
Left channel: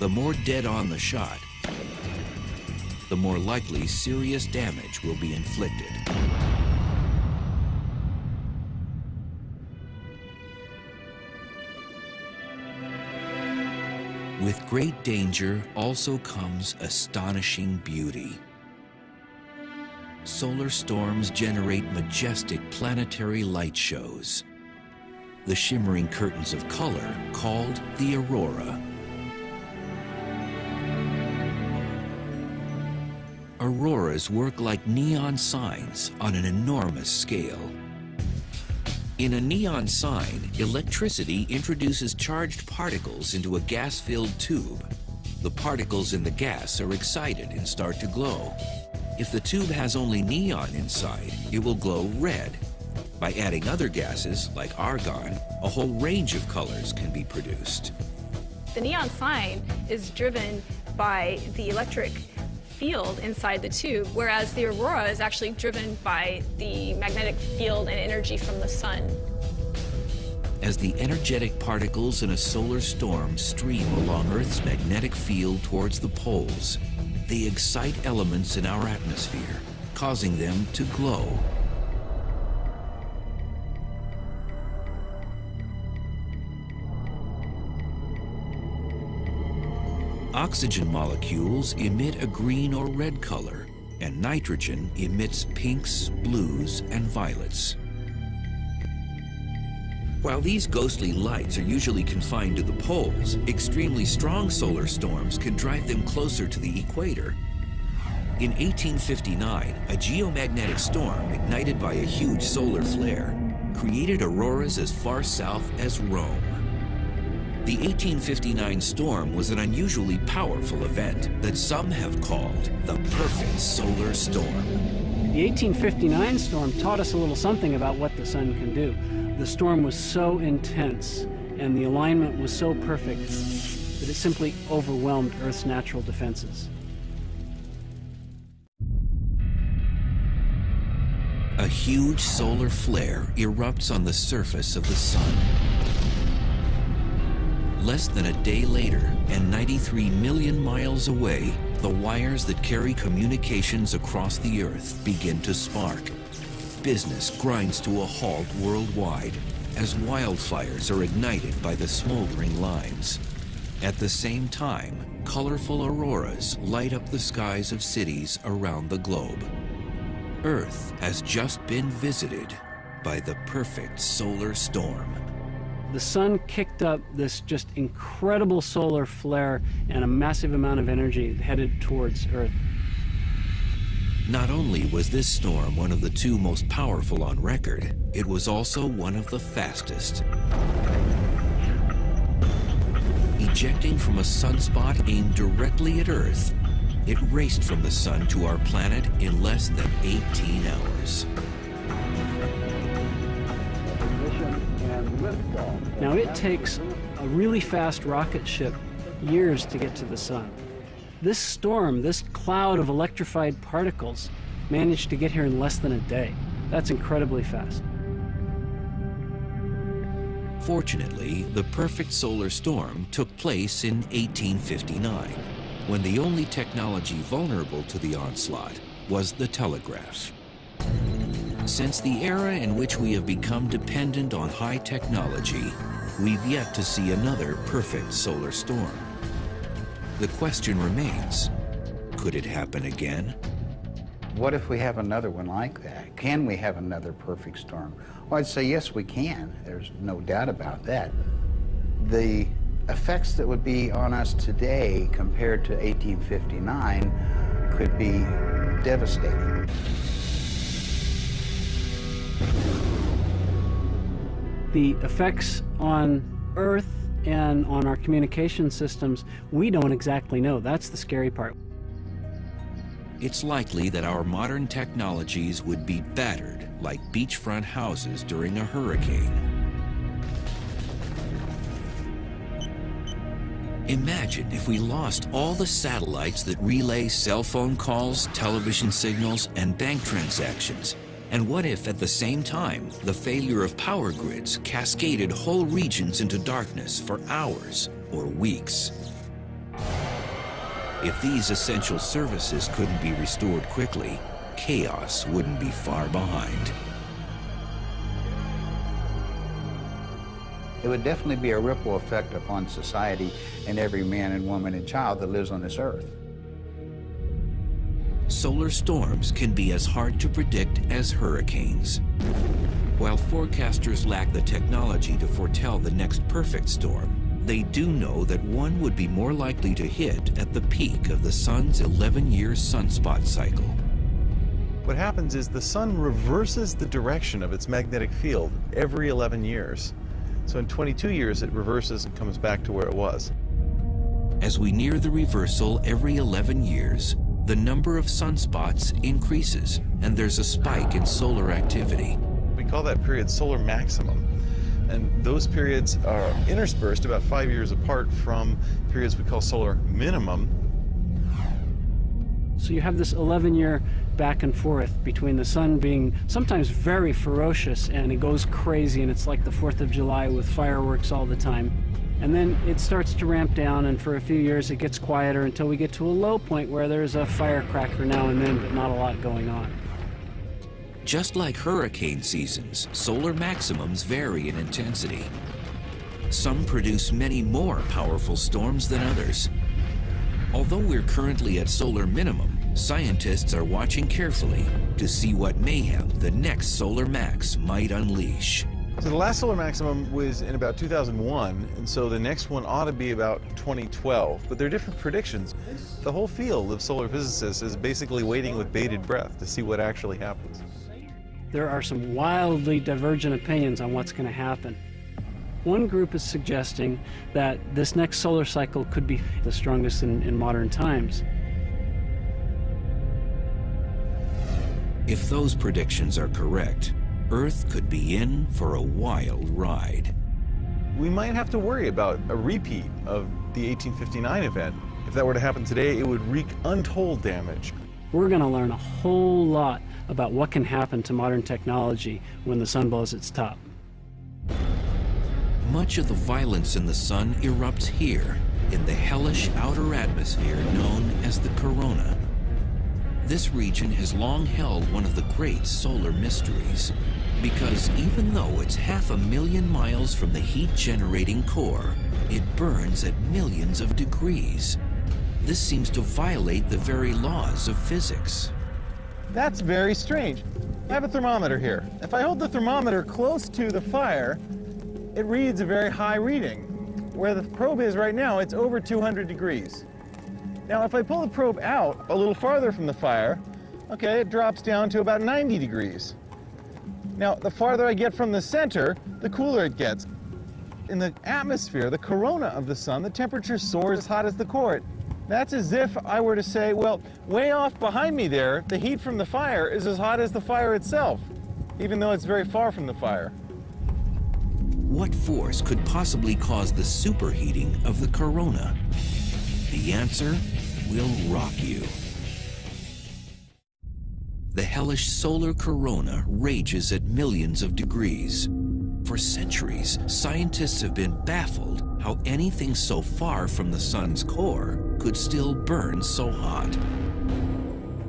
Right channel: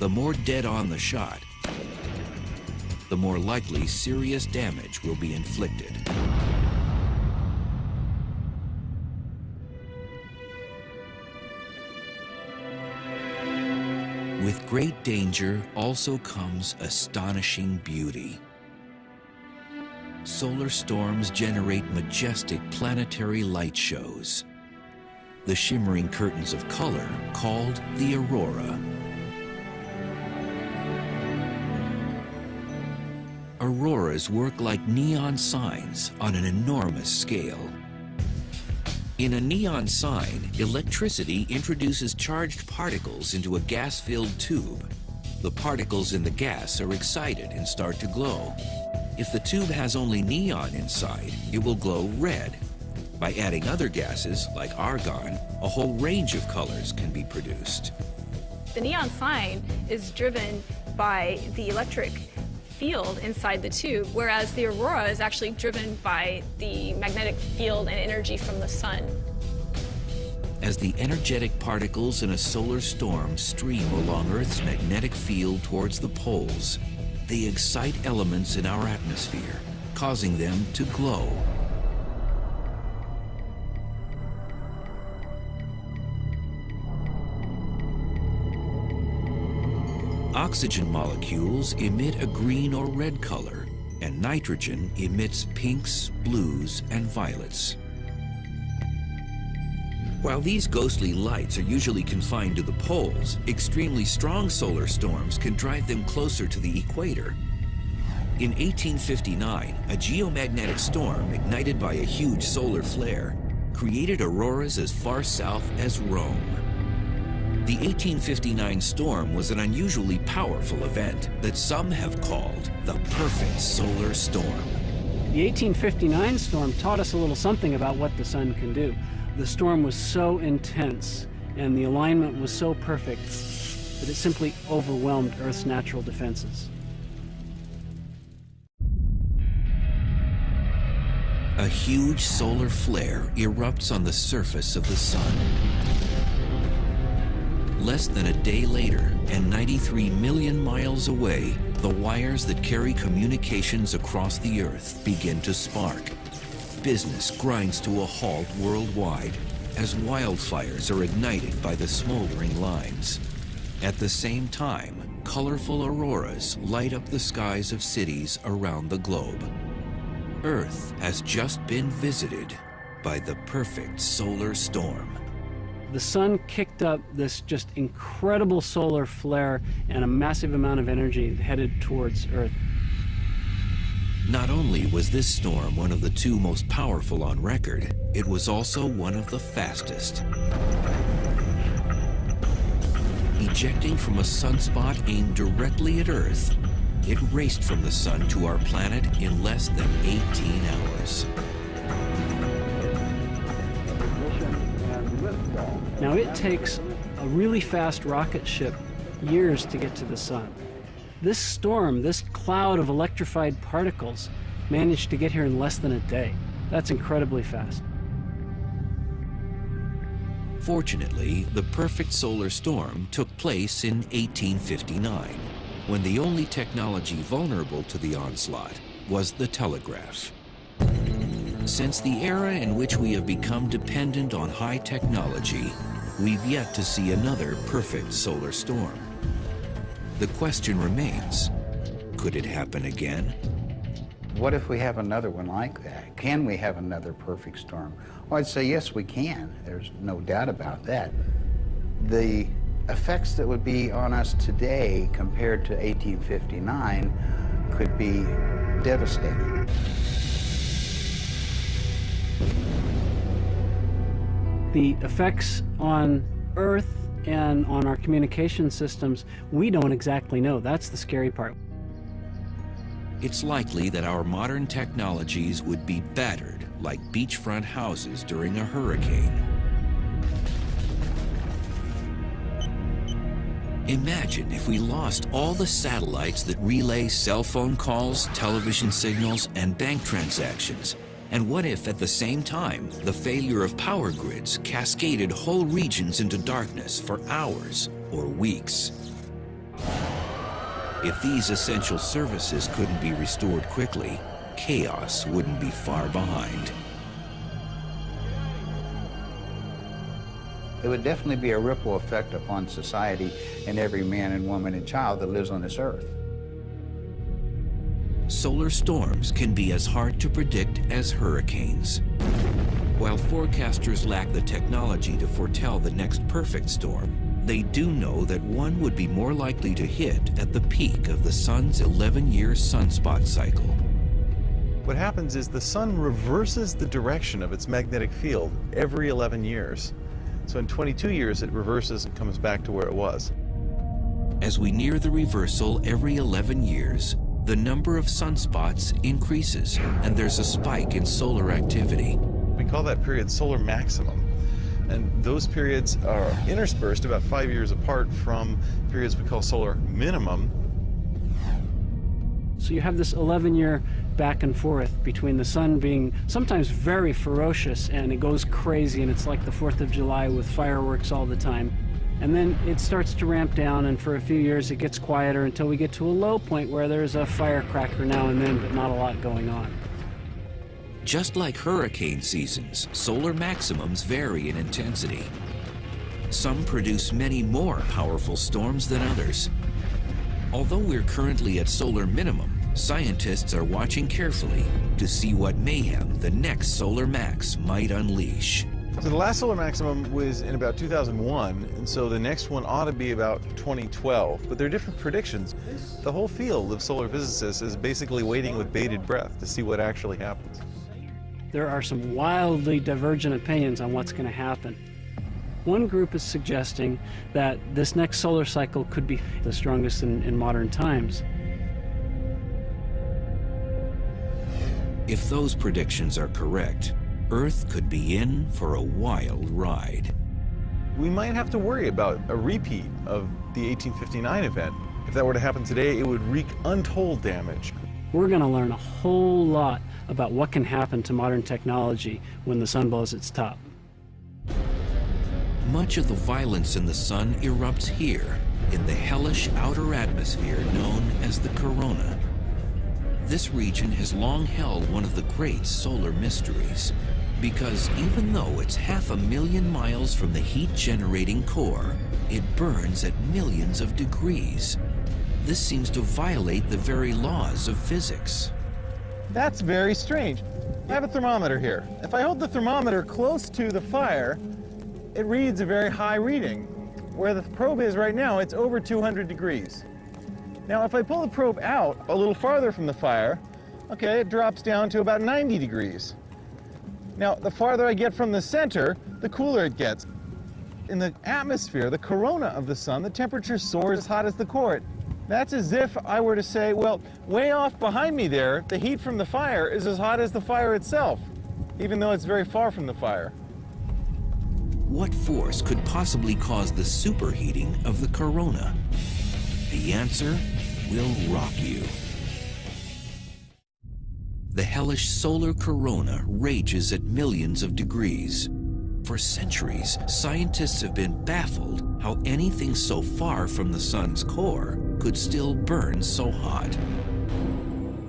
The more dead-on the shot, the more likely serious damage will be inflicted. With great danger also comes astonishing beauty. Solar storms generate majestic planetary light shows. The shimmering curtains of color called the aurora. Auroras work like neon signs on an enormous scale. In a neon sign, electricity introduces charged particles into a gas-filled tube. The particles in the gas are excited and start to glow. If the tube has only neon inside, it will glow red. By adding other gases, like argon, a whole range of colors can be produced. The neon sign is driven by the electric field inside the tube, whereas the aurora is actually driven by the magnetic field and energy from the sun. As the energetic particles in a solar storm stream along Earth's magnetic field towards the poles, they excite elements in our atmosphere, causing them to glow. Oxygen molecules emit a green or red color, and nitrogen emits pinks, blues, and violets. While these ghostly lights are usually confined to the poles, extremely strong solar storms can drive them closer to the equator. In 1859, a geomagnetic storm ignited by a huge solar flare created auroras as far south as Rome. The 1859 storm was an unusually powerful event that some have called the perfect solar storm. The 1859 storm taught us a little something about what the sun can do. The storm was so intense and the alignment was so perfect that it simply overwhelmed Earth's natural defenses. A huge solar flare erupts on the surface of the sun. Less than a day later, and 93 million miles away, the wires that carry communications across the Earth begin to spark. Business grinds to a halt worldwide as wildfires are ignited by the smoldering lines. At the same time, colorful auroras light up the skies of cities around the globe. Earth has just been visited by the perfect solar storm. The sun kicked up this just incredible solar flare and a massive amount of energy headed towards Earth. Not only was this storm one of the two most powerful on record, it was also one of the fastest. Ejecting from a sunspot aimed directly at Earth, it raced from the sun to our planet in less than 18 hours. Now it takes a really fast rocket ship years to get to the sun. This storm, this cloud of electrified particles, managed to get here in less than a day. That's incredibly fast. Fortunately, the perfect solar storm took place in 1859, when the only technology vulnerable to the onslaught was the telegraph. Since the era in which we have become dependent on high technology, we've yet to see another perfect solar storm. The question remains, could it happen again? What if we have another one like that? Can we have another perfect storm? Well, I'd say yes, we can. There's no doubt about that. The effects that would be on us today compared to 1859 could be devastating. The effects on Earth and on our communication systems, we don't exactly know. That's the scary part. it's likely that our modern technologies would be battered like beachfront houses during a hurricane. Imagine if we lost all the satellites that relay cell phone calls, television signals, and bank transactions. And what if at the same time, the failure of power grids cascaded whole regions into darkness for hours or weeks? If these essential services couldn't be restored quickly, chaos wouldn't be far behind. It would definitely be a ripple effect upon society and every man and woman and child that lives on this earth. Solar storms can be as hard to predict as hurricanes. While forecasters lack the technology to foretell the next perfect storm, they do know that one would be more likely to hit at the peak of the sun's 11-year sunspot cycle. What happens is the sun reverses the direction of its magnetic field every 11 years. So in 22 years, it reverses and comes back to where it was. As we near the reversal every 11 years, the number of sunspots increases, and there's a spike in solar activity. We call that period solar maximum. And those periods are interspersed about 5 years apart from periods we call solar minimum. So you have this 11-year back and forth between the sun being sometimes very ferocious and it goes crazy and it's like the 4th of July with fireworks all the time. And then it starts to ramp down, and for a few years it gets quieter until we get to a low point where there's a firecracker now and then, but not a lot going on. Just like hurricane seasons, solar maximums vary in intensity. Some produce many more powerful storms than others. Although we're currently at solar minimum, scientists are watching carefully to see what mayhem the next solar max might unleash. So the last solar maximum was in about 2001, and so the next one ought to be about 2012. But there are different predictions. The whole field of solar physicists is basically waiting with bated breath to see what actually happens. There are some wildly divergent opinions on what's going to happen. One group is suggesting that this next solar cycle could be the strongest in modern times. If those predictions are correct, Earth could be in for a wild ride. We might have to worry about a repeat of the 1859 event. If that were to happen today, it would wreak untold damage. We're going to learn a whole lot about what can happen to modern technology when the sun blows its top. Much of the violence in the sun erupts here, in the hellish outer atmosphere known as the corona. This region has long held one of the great solar mysteries, because even though it's 500,000 miles from the heat-generating core, it burns at millions of degrees. This seems to violate the very laws of physics. That's very strange. I have a thermometer here. If I hold the thermometer close to the fire, it reads a very high reading. Where the probe is right now, it's over 200 degrees. Now, if I pull the probe out a little farther from the fire, okay, it drops down to about 90 degrees. Now, the farther I get from the center, the cooler it gets. In the atmosphere, the corona of the sun, the temperature soars as hot as the core. That's as if I were to say, well, way off behind me there, the heat from the fire is as hot as the fire itself, even though it's very far from the fire. What force could possibly cause the superheating of the corona? The answer will rock you. The hellish solar corona rages at millions of degrees. For centuries, scientists have been baffled how anything so far from the sun's core could still burn so hot.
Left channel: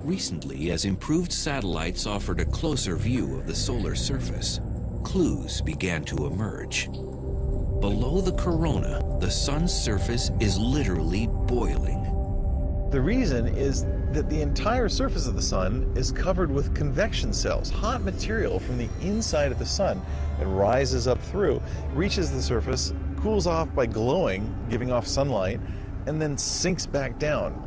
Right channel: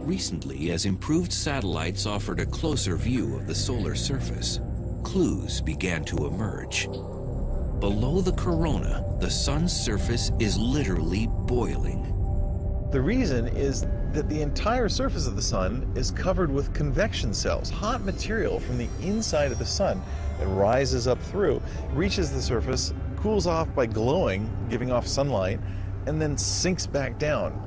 Recently, as improved satellites offered a closer view of the solar surface, clues began to emerge. Below the corona, the sun's surface is literally boiling. The reason is that the entire surface of the sun is covered with convection cells, hot material from the inside of the sun that rises up through, reaches the surface, cools off by glowing, giving off sunlight, and then sinks back down.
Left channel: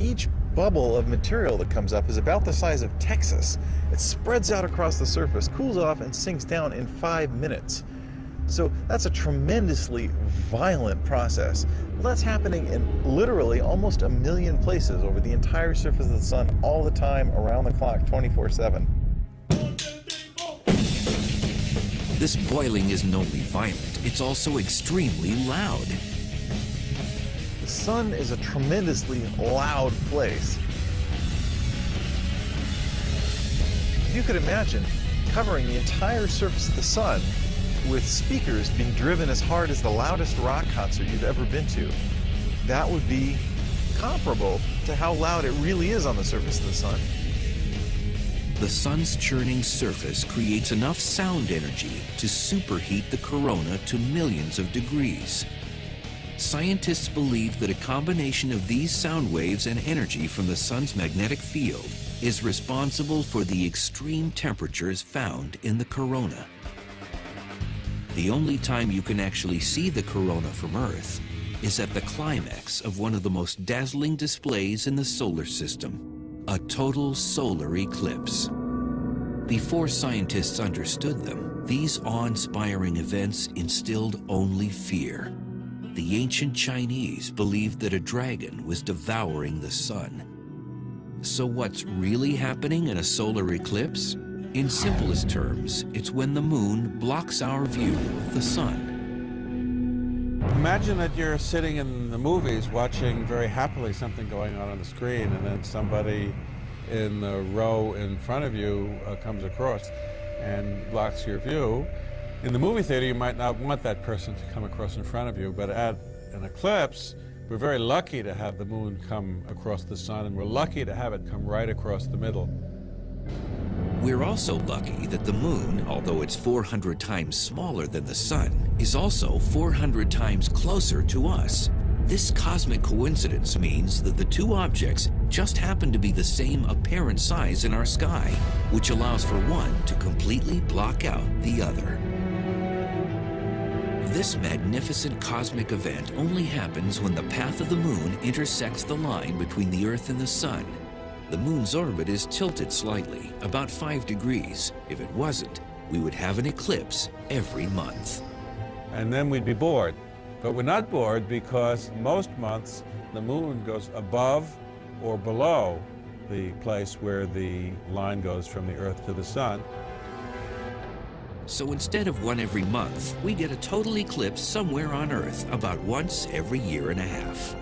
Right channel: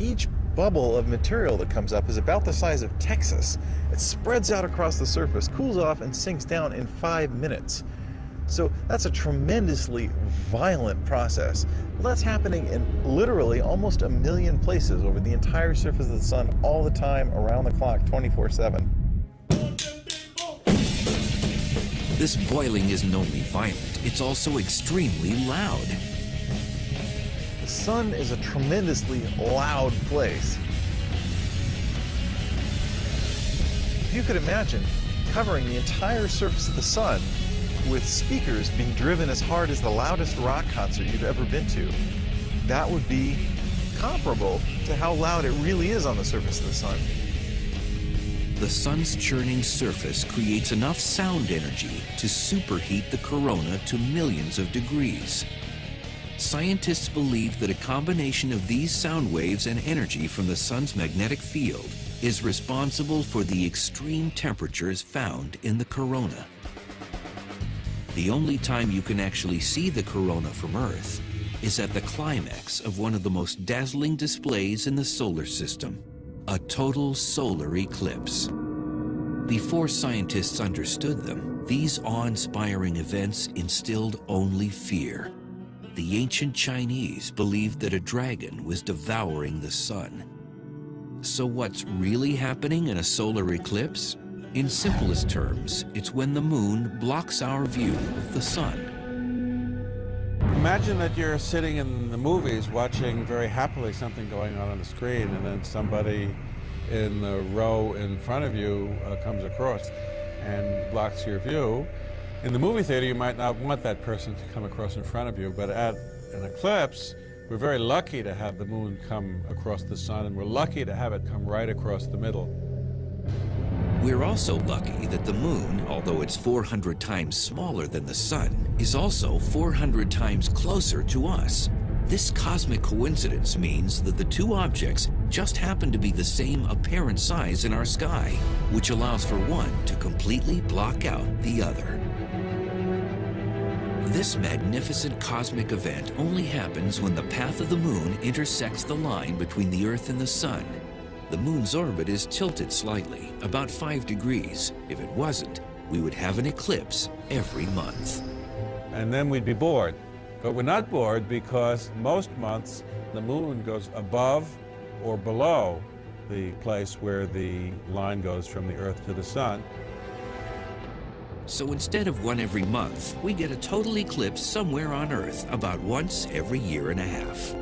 Each bubble of material that comes up is about the size of Texas. It spreads out across the surface, cools off, and sinks down in 5 minutes. So that's a tremendously violent process. Well, that's happening in literally almost 1 million places over the entire surface of the sun all the time, around the clock, 24/7. This boiling isn't only violent, it's also extremely loud. The sun is a tremendously loud place. If you could imagine covering the entire surface of the sun with speakers being driven as hard as the loudest rock concert you've ever been to, that would be comparable to how loud it really is on the surface of the sun. The sun's churning surface creates enough sound energy to superheat the corona to millions of degrees. Scientists believe that a combination of these sound waves and energy from the sun's magnetic field is responsible for the extreme temperatures found in the corona. The only time you can actually see the corona from Earth is at the climax of one of the most dazzling displays in the solar system, a total solar eclipse. Before scientists understood them, these awe-inspiring events instilled only fear. The ancient Chinese believed that a dragon was devouring the sun. So what's really happening in a solar eclipse? In simplest terms, it's when the moon blocks our view of the sun. Imagine that you're sitting in the movies watching very happily something going on the screen, and then somebody in the row in front of you comes across and blocks your view. In the movie theater, you might not want that person to come across in front of you, but at an eclipse, we're very lucky to have the moon come across the sun, and we're lucky to have it come right across the middle. We're also lucky that the moon, although it's 400 times smaller than the sun, is also 400 times closer to us. This cosmic coincidence means that the two objects just happen to be the same apparent size in our sky, which allows for one to completely block out the other. This magnificent cosmic event only happens when the path of the moon intersects the line between the Earth and the sun. The moon's orbit is tilted slightly, about 5 degrees. If it wasn't, we would have an eclipse every month. And then we'd be bored. But we're not bored because most months the moon goes above or below the place where the line goes from the Earth to the sun. So instead of one every month, we get a total eclipse somewhere on Earth about once every year and a half.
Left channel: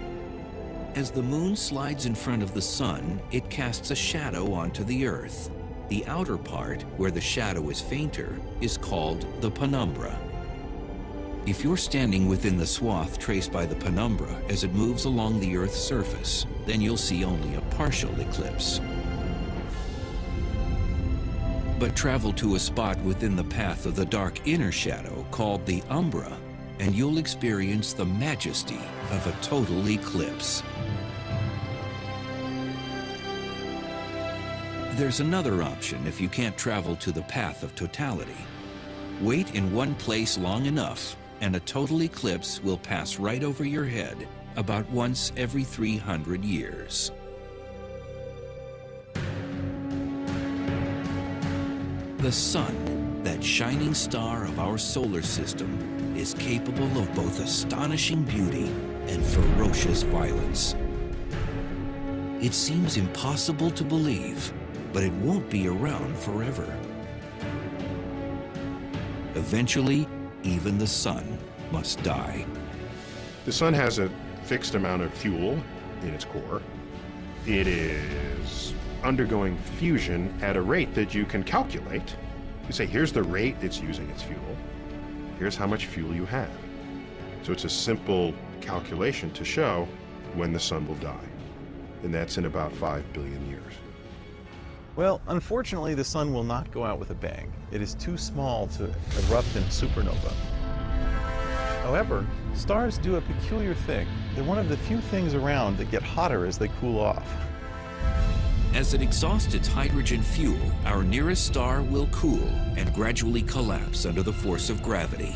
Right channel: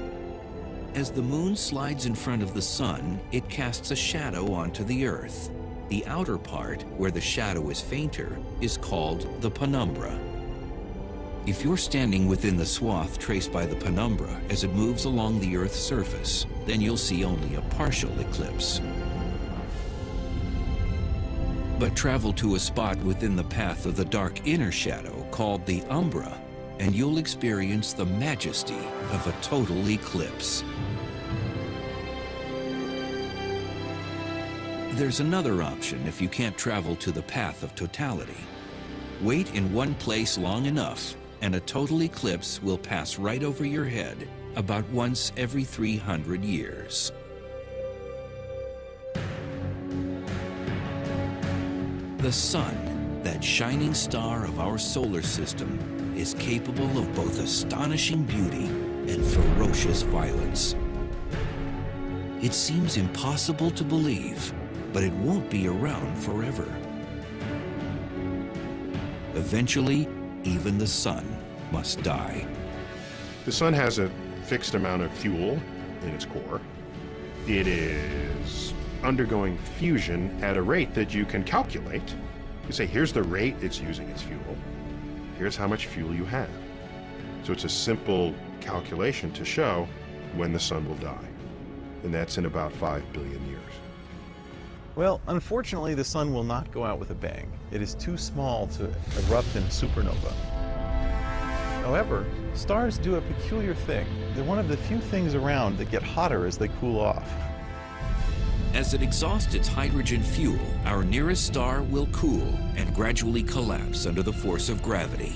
As the moon slides in front of the sun, it casts a shadow onto the Earth. The outer part, where the shadow is fainter, is called the penumbra. If you're standing within the swath traced by the penumbra as it moves along the Earth's surface, then you'll see only a partial eclipse. But travel to a spot within the path of the dark inner shadow called the umbra, and you'll experience the majesty of a total eclipse. There's another option if you can't travel to the path of totality. Wait in one place long enough, and a total eclipse will pass right over your head about once every 300 years. The sun, that shining star of our solar system, is capable of both astonishing beauty and ferocious violence. It seems impossible to believe, but it won't be around forever. Eventually, even the sun must die. The sun has a fixed amount of fuel in its core. It is undergoing fusion at a rate that you can calculate. You say, here's the rate it's using its fuel. Here's how much fuel you have. So it's a simple calculation to show when the sun will die. And that's in about 5 billion years. Well, unfortunately, the sun will not go out with a bang. It is too small to erupt in supernova. However, stars do a peculiar thing. They're one of the few things around that get hotter as they cool off. As it exhausts its hydrogen fuel, our nearest star will cool and gradually collapse under the force of gravity.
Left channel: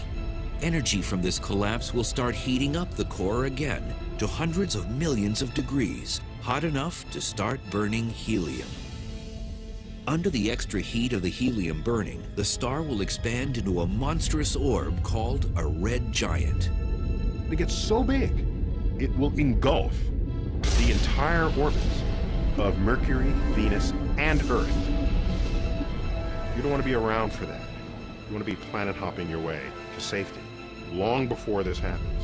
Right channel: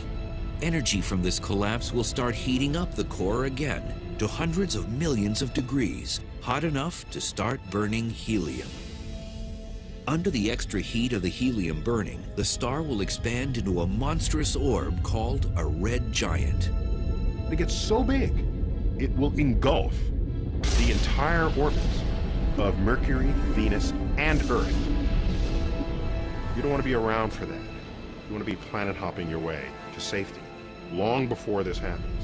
Energy from this collapse will start heating up the core again to hundreds of millions of degrees, hot enough to start burning helium. Under the extra heat of the helium burning, the star will expand into a monstrous orb called a red giant. It gets so big, it will engulf the entire orbit of Mercury, Venus, and Earth. You don't want to be around for that. You want to be planet hopping your way to safety long before this happens.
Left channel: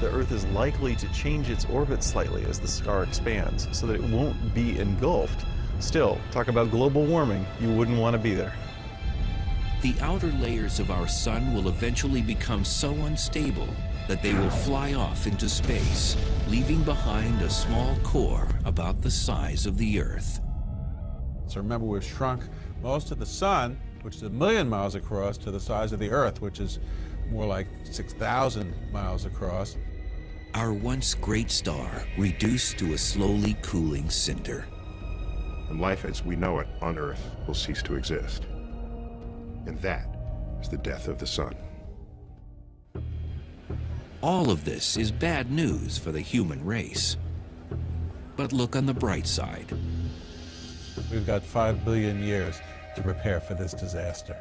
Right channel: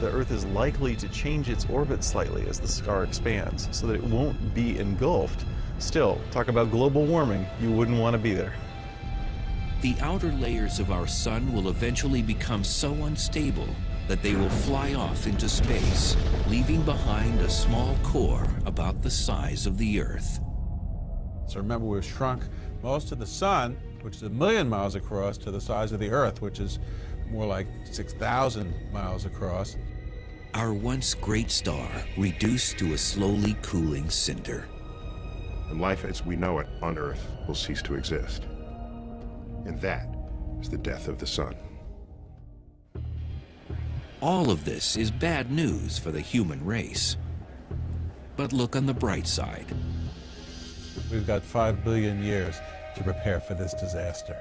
The Earth is likely to change its orbit slightly as the star expands so that it won't be engulfed. Still, talk about global warming, you wouldn't want to be there. The outer layers of our sun will eventually become so unstable that they will fly off into space, leaving behind a small core about the size of the Earth. So remember, we've shrunk most of the sun, which is 1 million miles across, to the size of the Earth, which is more like 6,000 miles across. Our once great star reduced to a slowly cooling cinder. And life as we know it on Earth will cease to exist. And that is the death of the sun. All of this is bad news for the human race. But look on the bright side. We've got 5 billion years to prepare for this disaster.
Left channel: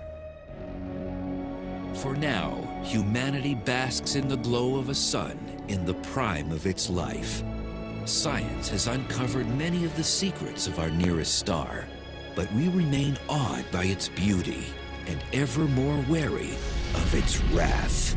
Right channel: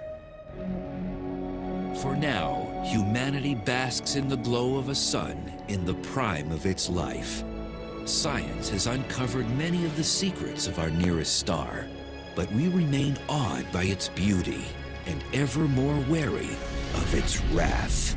For now, humanity basks in the glow of a sun in the prime of its life. Science has uncovered many of the secrets of our nearest star, but we remain awed by its beauty and ever more wary of its wrath.